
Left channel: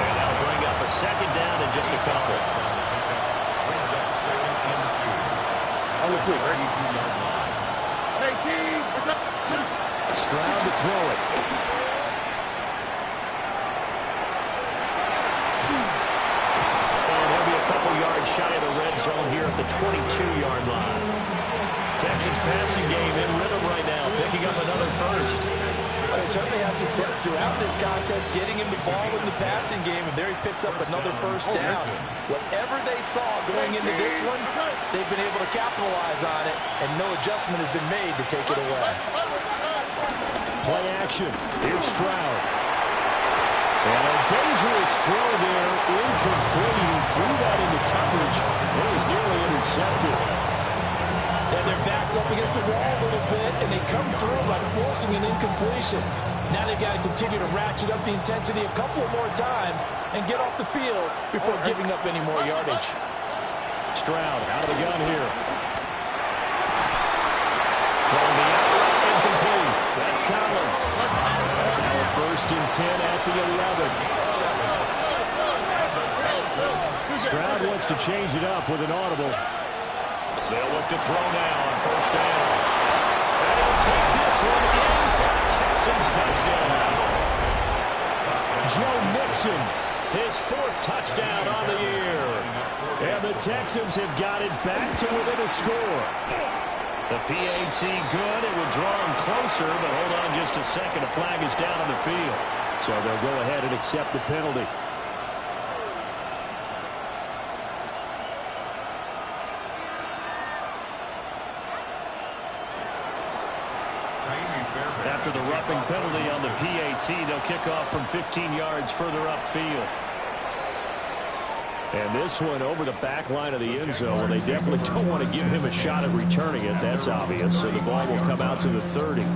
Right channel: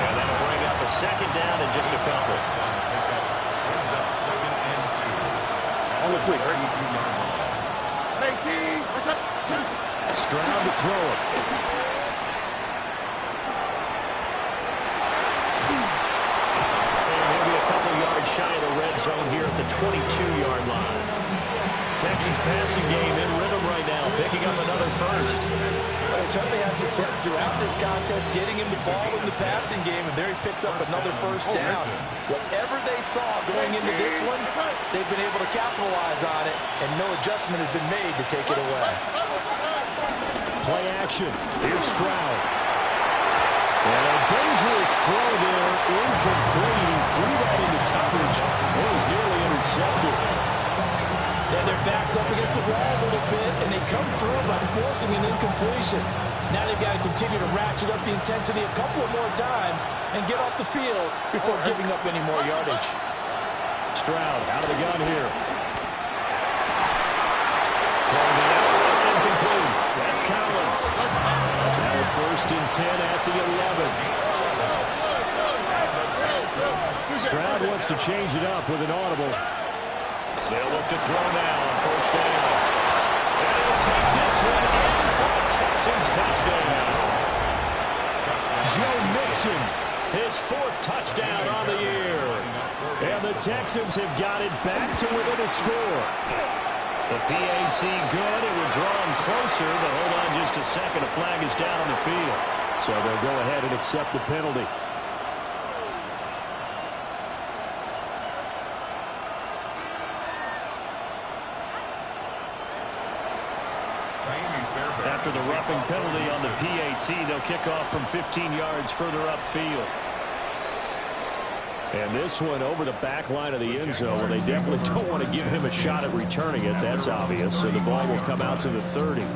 And that'll bring up a second down and just a couple. Brings up second and 2. On the quick. 32-yard line. Hey, T, what's up? Stroud to throw it. And he'll be a couple yards shy of the red zone here at the 22-yard line. Texans passing game in rhythm right now, picking up another first. They certainly had success throughout this contest, getting him the ball in the passing game, and there he picks up another first down. Whatever they saw going into this one, they've been able to capitalize on it, and no adjustment has been made to take it away. Play action. Here's Stroud. And a dangerous throw there, incomplete. He threw that into coverage. It was nearly intercepted. And their back's up against the wall a little bit, and they come through by forcing an incompletion. Now they've got to continue to ratchet up the intensity a couple of more times and get off the field before giving up any more yardage. Stroud out of the gun here. Throwing the outlet, incomplete. That's Collins. Now a 1st and 10 at the 11. Stroud wants to change it up with an audible. They'll look to throw now on 1st down. And he'll take this one in for a Texans touchdown. Joe Mixon, his 4th touchdown on the year. And the Texans have got it back to within a score. The PAT good. It would draw him closer, but hold on just a second. A flag is down on the field. So they'll go ahead and accept the penalty. After the roughing penalty on the PAT, they'll kick off from 15 yards further upfield. And this one over the back line of the end zone. Well, they definitely don't want to give him a shot at returning it. That's obvious. So the ball will come out to the 30.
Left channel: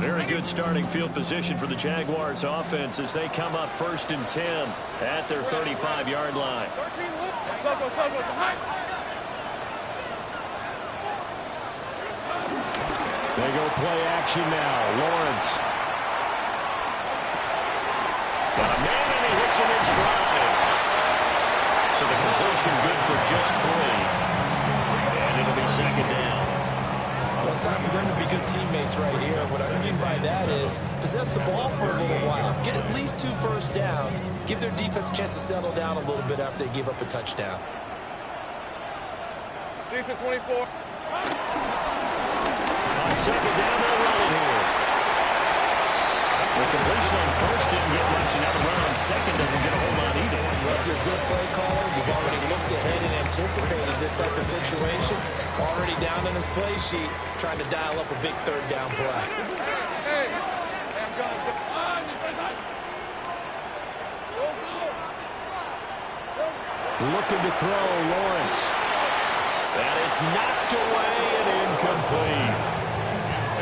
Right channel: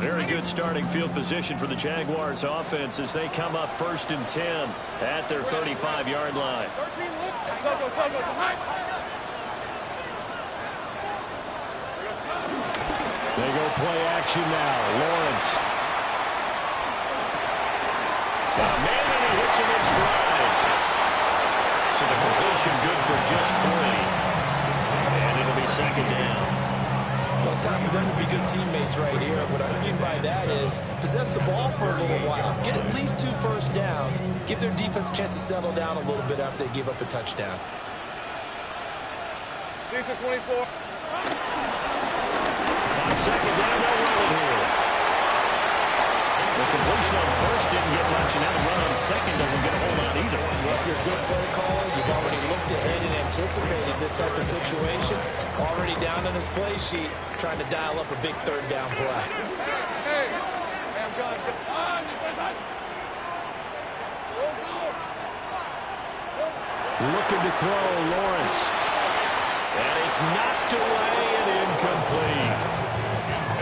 Very good good starting field position for the Jaguars offense as they come up 1st and 10 at their 35-yard line. They go play action now. Lawrence. Got a man and he hits him in stride. So the completion good for just 3. And it'll be 2nd down. Well, it's time for them to be good teammates right here. What I mean by that is possess the ball for a little while. Get at least 2 first downs. Give their defense a chance to settle down a little bit after they give up a touchdown. Decent 24. On 2nd down, they'll run it here. The completion on 1st didn't get much, and now the run on 2nd doesn't get a whole lot either. Well, if you're a good play caller, you've already looked ahead and anticipated this type of situation. Already down on his play sheet, trying to dial up a big 3rd down play. Hey, I'm going. Looking to throw, Lawrence. And it's knocked away and incomplete.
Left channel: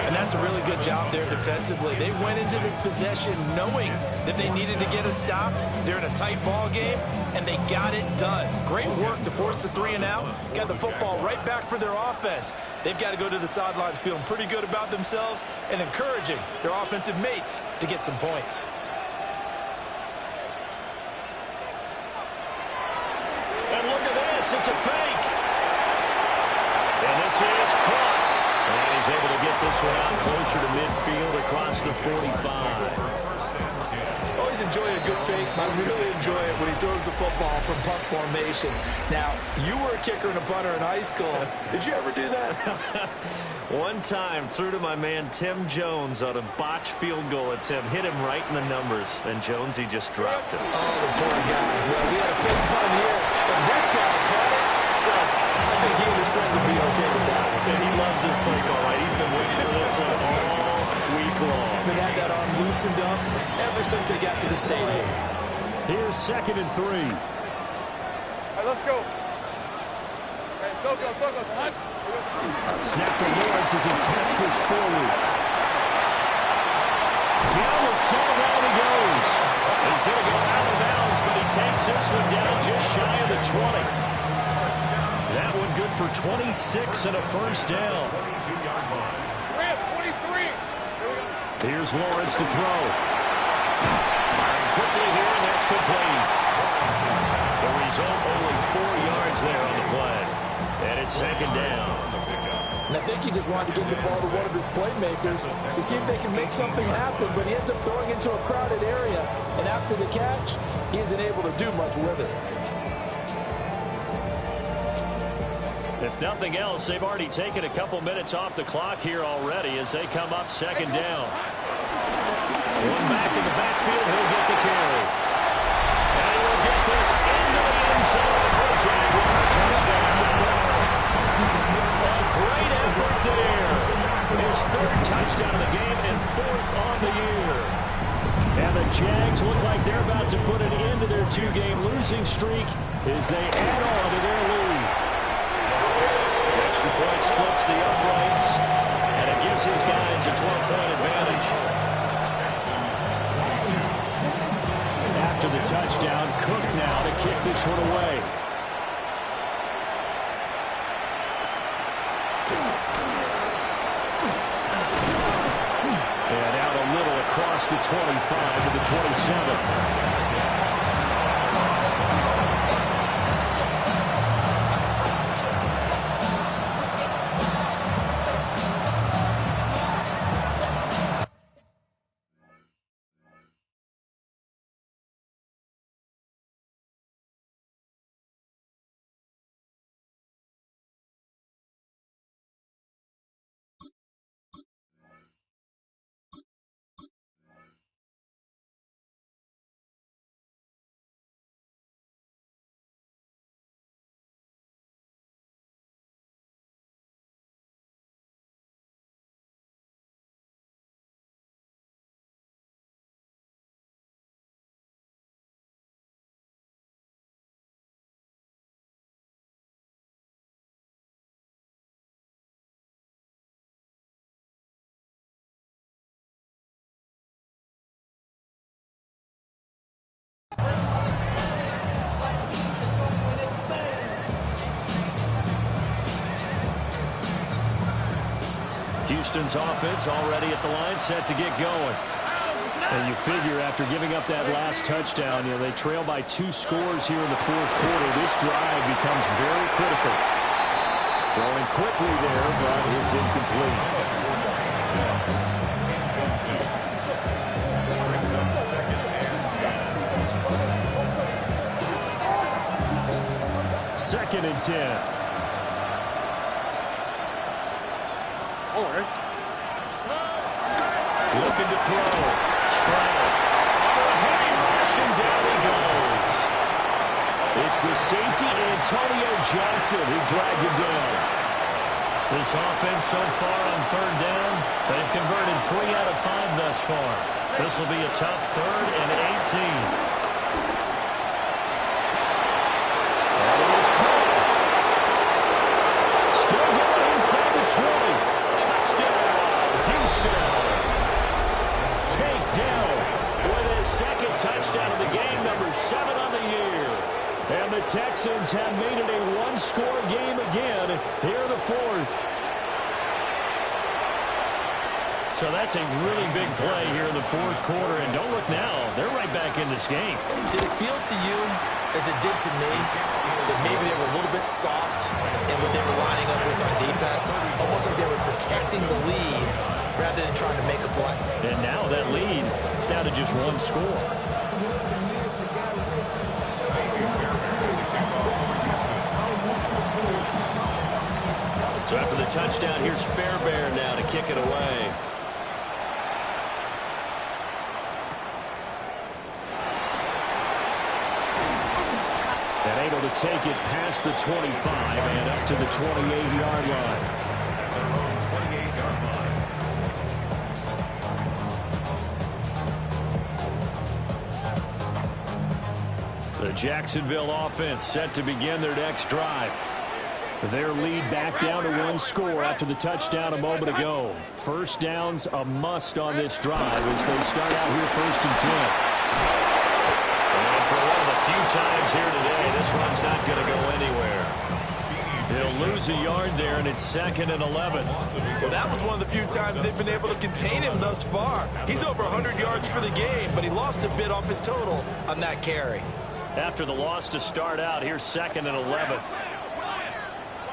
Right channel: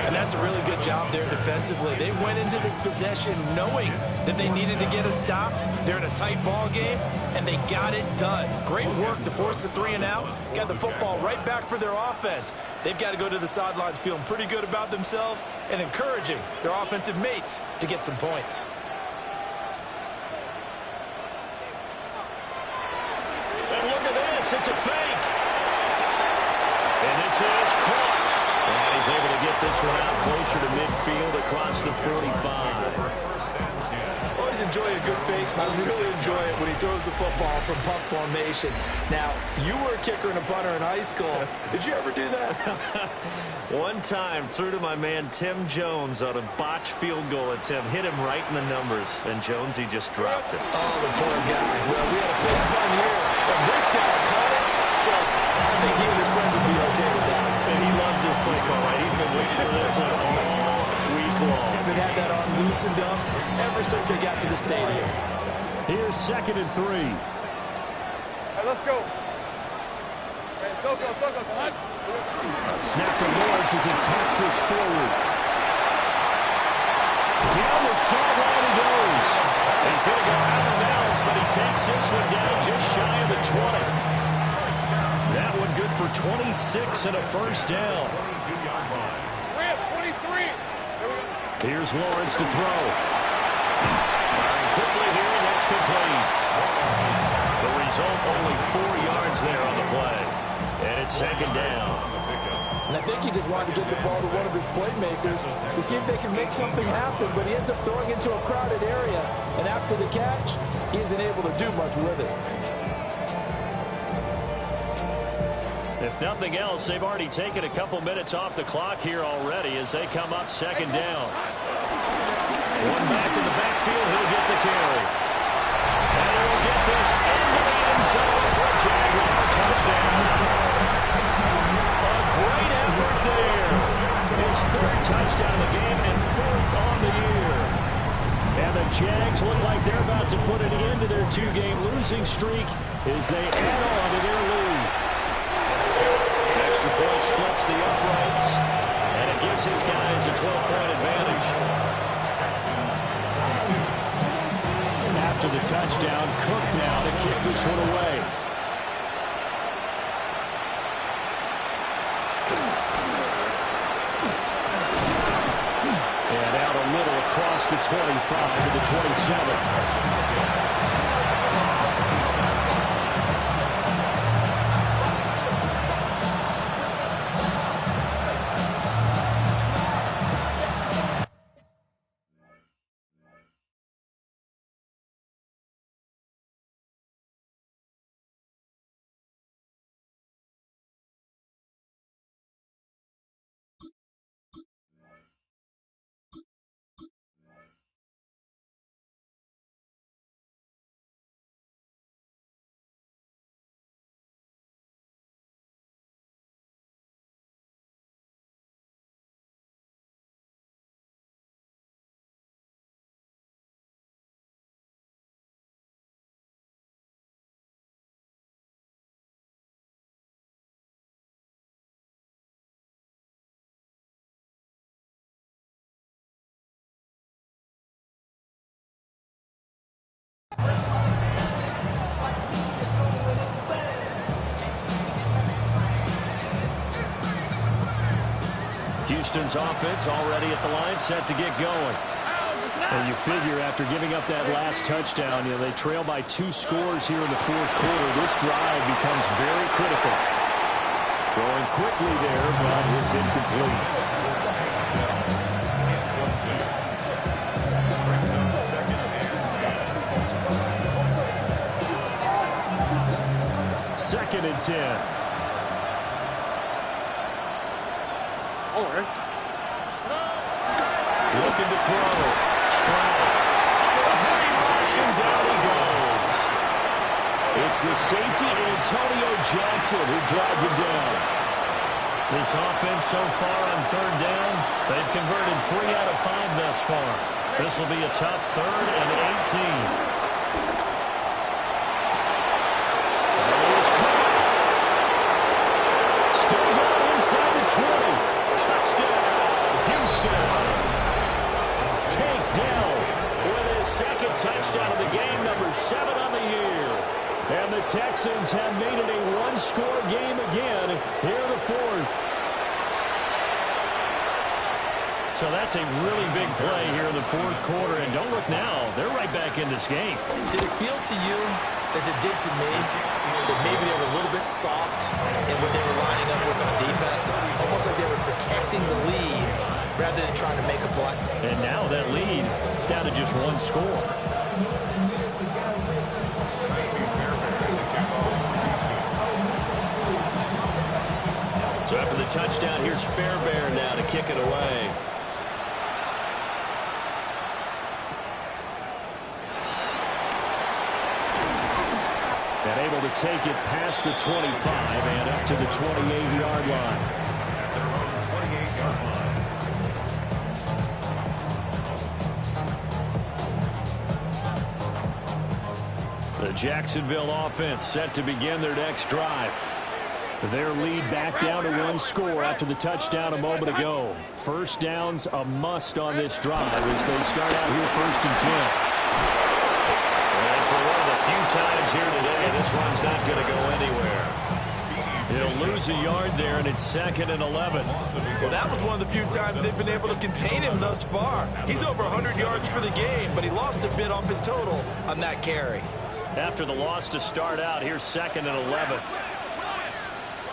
And that's a really good job there defensively. They went into this possession knowing that they needed to get a stop. They're in a tight ball game, and they got it done. Great work to force the 3 and out. Got the football right back for their offense. They've got to go to the sidelines feeling pretty good about themselves and encouraging their offensive mates to get some points. And look at this. It's a fake. And this is caught. And he's able to get this one out closer to midfield across the 45. Always enjoy a good fake. I really enjoy it when he throws the football from punt formation. Now, you were a kicker and a punter in high school. Did you ever do that? One time, threw to my man Tim Jones on a botched field goal attempt. Hit him right in the numbers. And Jones, he just dropped it. Oh, the poor guy. Well, we had a fake punt here. And this guy caught it. So I think he and his friends will be okay with that. And he loves his play call, right? He's been waiting for this one all week long. Been had that arm loosened up ever since they got to the stadium. Here's 2nd and 3. Hey, let's go. Hey, Soko, hunt. Snap to Lawrence as he taps this forward. Down the sideline he goes. He's going to go out of bounds, but he takes this one down just shy of the 20. That one good for 26 and a 1st down. We're at 23. Here we go. Here's Lawrence to throw. Firing quickly here, and that's complete. The result, only 4 yards there on the play. And it's 2nd down. And I think he just wanted to get the ball to one of his playmakers to see if they can make something happen, but he ends up throwing into a crowded area. And after the catch, he isn't able to do much with it. If nothing else, they've already taken a couple minutes off the clock here already as they come up 2nd down. One back in the backfield, he'll get the carry. And he will get this into the end zone for a Jaguar touchdown. A great effort there. His 3rd touchdown of the game and 4th on the year. And the Jags look like they're about to put an end to their 2-game losing streak as they add on to their lead. Extra point splits the uprights, and it gives his guys a 12-point advantage. After the touchdown, Cook now to kick this one away. And out a little across the 25 to the 27. Houston's offense already at the line, set to get going. And you figure after giving up that last touchdown, they trail by 2 scores here in the fourth quarter. This drive becomes very critical. Throwing quickly there, but it's incomplete. Second and 10. Looking to throw. Stroud. Under a heavy rush, and down he goes. It's the safety, Antonio Johnson, who dragged him down. This offense so far on third down, they've converted 3 out of 5 thus far. This will be a tough 3rd and 18. That is caught. Still going inside the 20. Touchdown, Houston. Takedown with his second touchdown of the game, number 7 on the year. And the Texans have made it a 1-score game again here in the 4th. So that's a really big play here in the 4th quarter. And don't look now, they're right back in this game. Did it feel to you, as it did to me, that maybe they were a little bit soft in what they were lining up with on defense? Almost like they were protecting the lead rather than trying to make a play. And now that lead is down to just 1 score. So after the touchdown, here's Fairbairn now to kick it away. And able to take it past the 25 and up to the 28-yard line. At their own 28-yard line. The Jacksonville offense set to begin their next drive. Their lead back down to 1 score after the touchdown a moment ago. First down's a must on this drive as they start out here 1st and 10. And for one of the few times here today, this run's not going to go anywhere. He'll lose a yard there, and it's 2nd and 11. Well, that was one of the few times they've been able to contain him thus far. He's over 100 yards for the game, but he lost a bit off his total on that carry. After the loss to start out, here's 2nd and 11.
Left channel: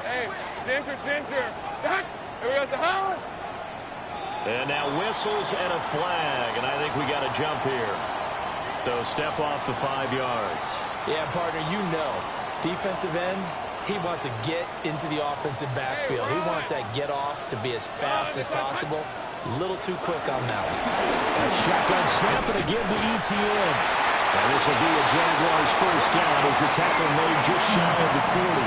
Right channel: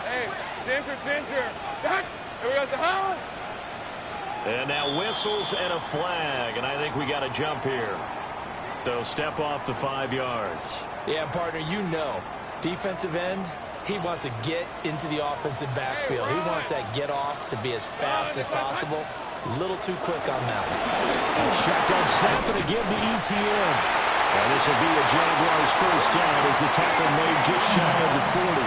Hey, Ginger. Here we go, Sahara. And now whistles and a flag, and I think we got a jump here. So step off the 5 yards. Yeah, partner, defensive end, he wants to get into the offensive backfield. He wants that get off to be as fast as possible. A little too quick on that one. A shotgun snap and again to ETN. And this will be a Jaguars first down as the tackle made just shy of the 40.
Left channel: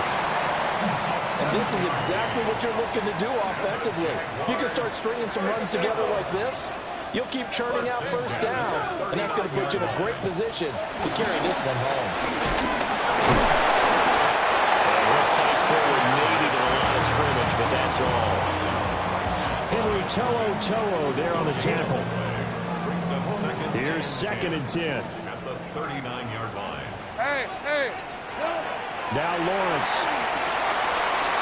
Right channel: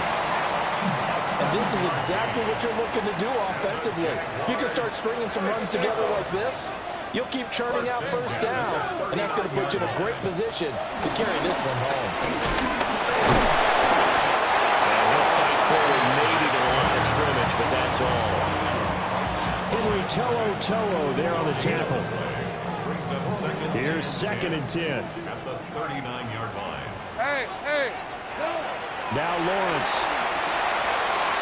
And this is exactly what you're looking to do offensively. If you can start stringing some runs together like this, you'll keep churning out first downs, and that's going to put you in a great position to carry this one home. And he'll fight forward maybe to the line of scrimmage, but that's all. Henry To'o there on the tackle. Here's 2nd and 10. At the 39-yard line. Hey. Now Lawrence.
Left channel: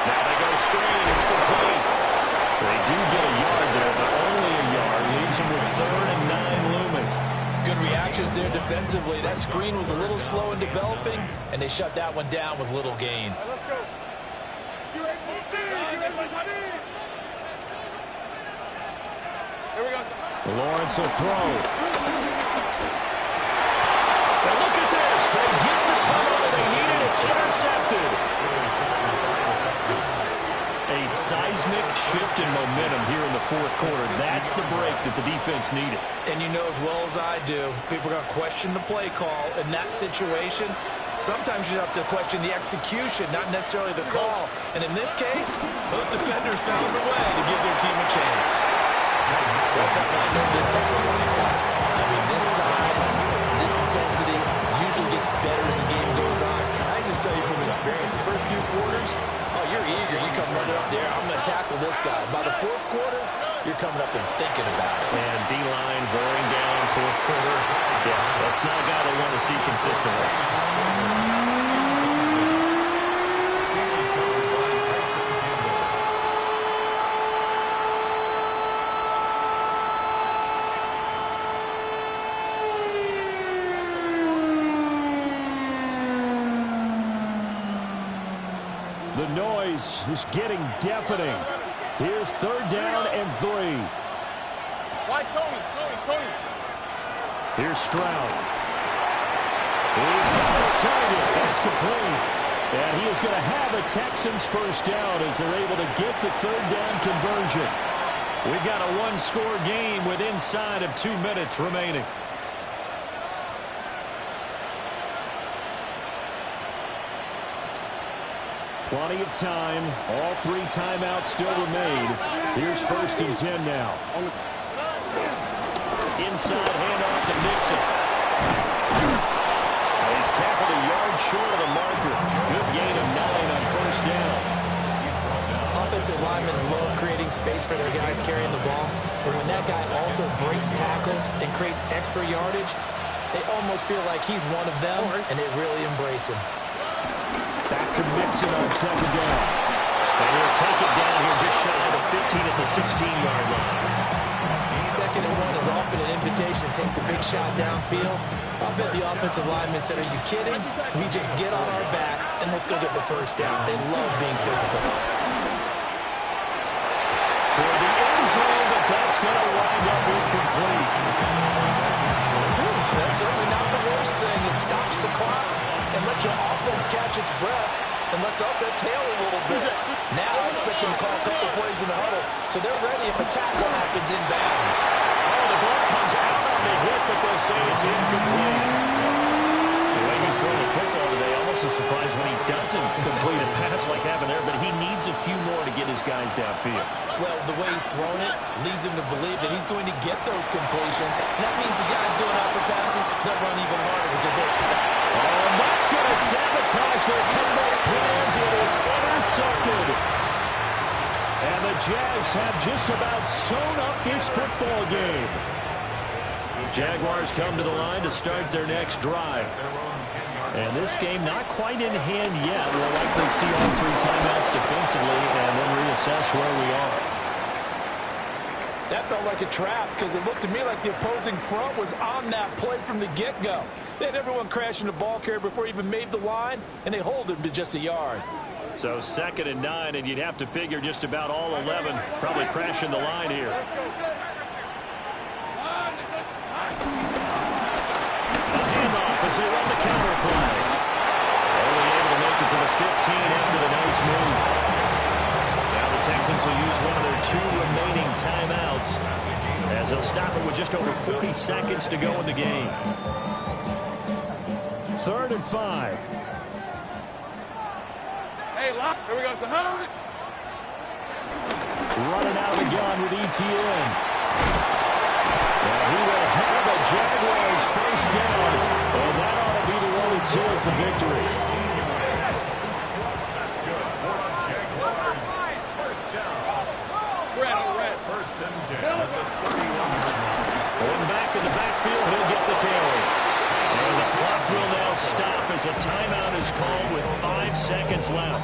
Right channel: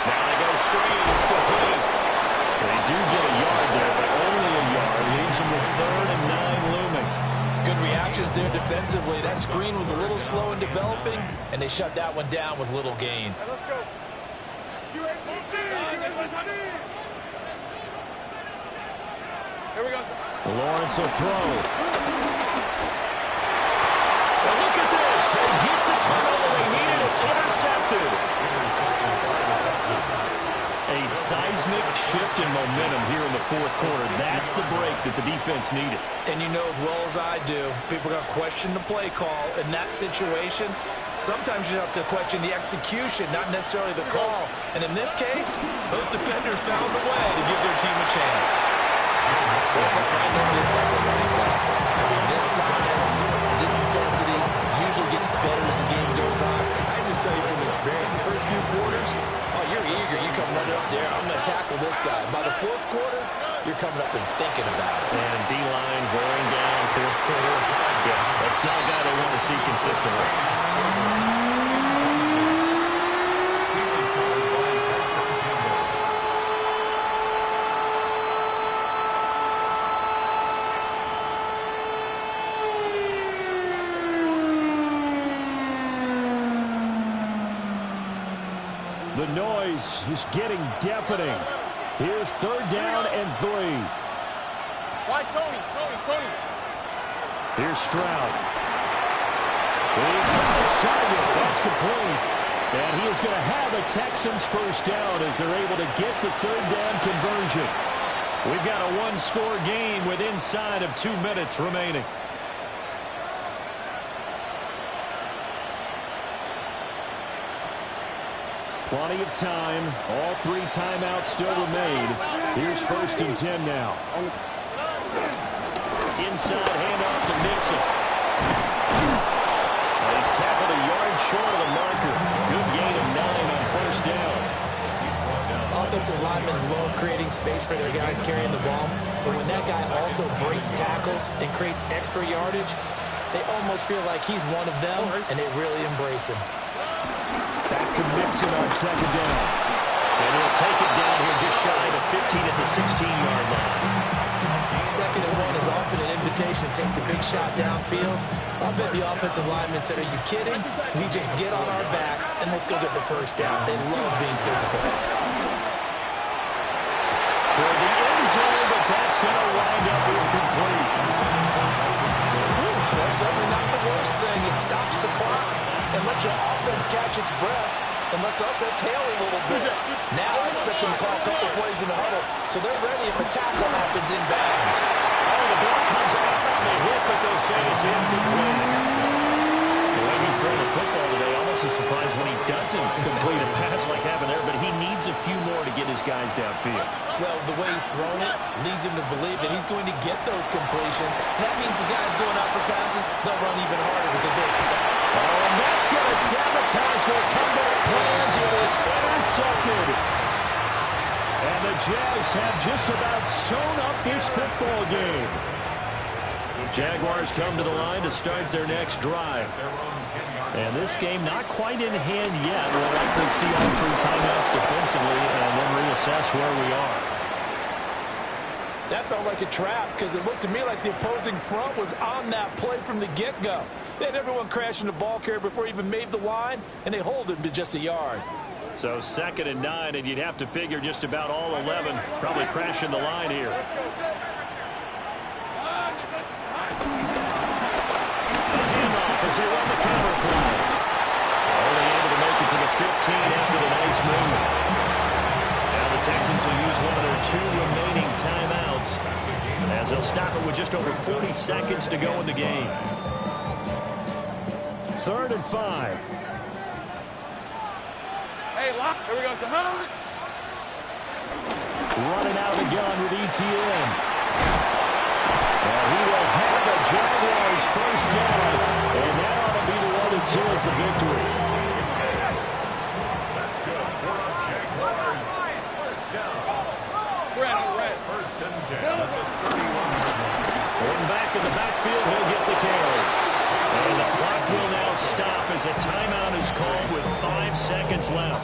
Now they go screen. It's complete. They do get a yard there, but only a yard. Leaves them with 3rd and 9 looming. Good reactions there defensively. That screen was a little slow in developing, and they shut that one down with little gain. Hey, let's go. Here we go. Lawrence will throw. And look at this. They get the turnover they needed. It's intercepted. A seismic shift in momentum here in the 4th quarter. That's the break that the defense needed. And you know as well as I do, people are going to question the play call in that situation. Sometimes you have to question the execution, not necessarily the call. And in this case, those defenders found a way to give their team a chance. I know this type of running back. I mean, this size, this intensity usually gets better as the game goes on. I just tell you from experience, the first few quarters, oh, you're eager. You come running up there, I'm going to tackle this guy. By the 4th quarter, you're coming up and thinking about it. And D-line wearing down 4th quarter. Yeah, that's not a guy they want to see consistently. The noise is getting deafening. Here's 3rd down and 3. Why Tony? Here's Stroud. He's got his target. That's complete. And he is going to have a Texans first down as they're able to get the 3rd down conversion. We've got a 1-score game with inside of 2 minutes remaining. Plenty of time. All 3 timeouts still remain. Here's 1st and 10 now. Inside handoff to Mixon. He's tackled a yard short of the marker. Good gain of 9 on 1st down. Offensive linemen love creating space for their guys carrying the ball. But when that guy also breaks tackles and creates extra yardage, they almost feel like he's one of them, and they really embrace him. Back to Mixon on 2nd down. And he'll take it down here just shy of 15 at the 16-yard line. 2nd and 1 is often an invitation to take the big shot downfield. I bet the offensive lineman said, are you kidding? We just get on our backs and let's go get the first down. They love being physical. Toward the end zone, but that's going to wind up incomplete. That's certainly not the worst thing. It stops the clock and lets your offense catch its breath and lets us exhale a little bit. Now I expect them to call a couple plays in the huddle, so they're ready if a tackle happens in bounds. Oh, the ball comes out on the hit, but they'll say it's incomplete. The way he's throwing the football today, almost a surprise when he doesn't complete a pass like happened there, but he needs a few more to get his guys downfield. Well, the way he's thrown it leads him to believe that he's going to get those completions, and that means the guys going out for passes, they'll run even harder because they expect. Oh, and that's going to sabotage their comeback plans. It is intercepted. And the Jags have just about sewn up this football game. Jaguars come to the line to start their next drive. And this game not quite in hand yet. We'll likely see all 3 timeouts defensively and then reassess where we are. That felt like a trap because it looked to me like the opposing front was on that play from the get-go. They had everyone crashing the ball carrier before he even made the line, and they hold him to just a yard. So 2nd and 9, and you'd have to figure just about all 11 probably crashing the line here. A handoff as they run the counter play. Only able to make it to the 15 after the nice move. Now the Texans will use one of their 2 remaining timeouts as they'll stop it with just over 40 seconds to go in the game. 3rd and 5. Hey, lock. Here we go. So, running out of the gun with ETN. And he will have the Jaguars first down, and that ought to be the one that seals the victory. That's good for the Jaguars. First down. red. 1st and 10 at the 31-yard line. Going back in the backfield, he'll get the carry. And the clock will now stop as a timeout is called with 5 seconds left.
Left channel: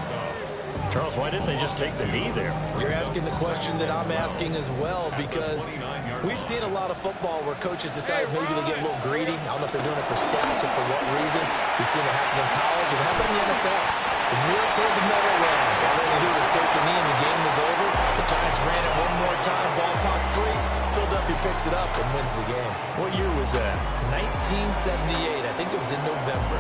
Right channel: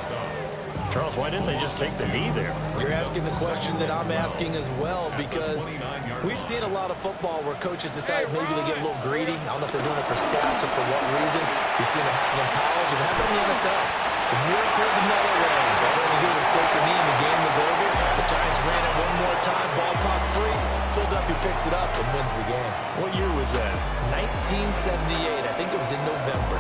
Charles, why didn't they just take the knee there? You're asking the question that I'm asking as well, because we've seen a lot of football where coaches decide maybe they get a little greedy. I don't know if they're doing it for stats or for what reason. We've seen it happen in college and happen in the NFL. The miracle of the Meadowlands. All they had to do was take a knee and the game was over. The Giants ran it one more time, ball popped free. Philadelphia picks it up and wins the game. What year was that? 1978. I think it was in November.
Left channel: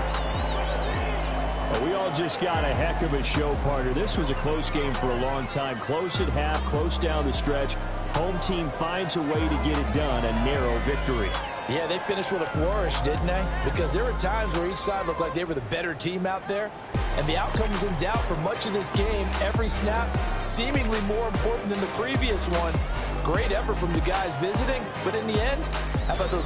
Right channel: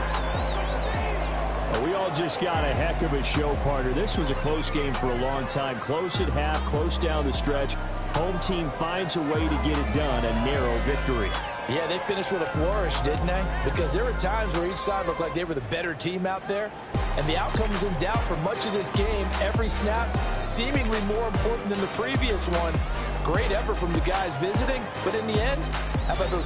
Well, we all just got a heck of a show, partner. This was a close game for a long time. Close at half, close down the stretch. Home team finds a way to get it done, a narrow victory. Yeah, they finished with a flourish, didn't they? Because there were times where each side looked like they were the better team out there. And the outcome was in doubt for much of this game. Every snap seemingly more important than the previous one. Great effort from the guys visiting. But in the end, how about those guys?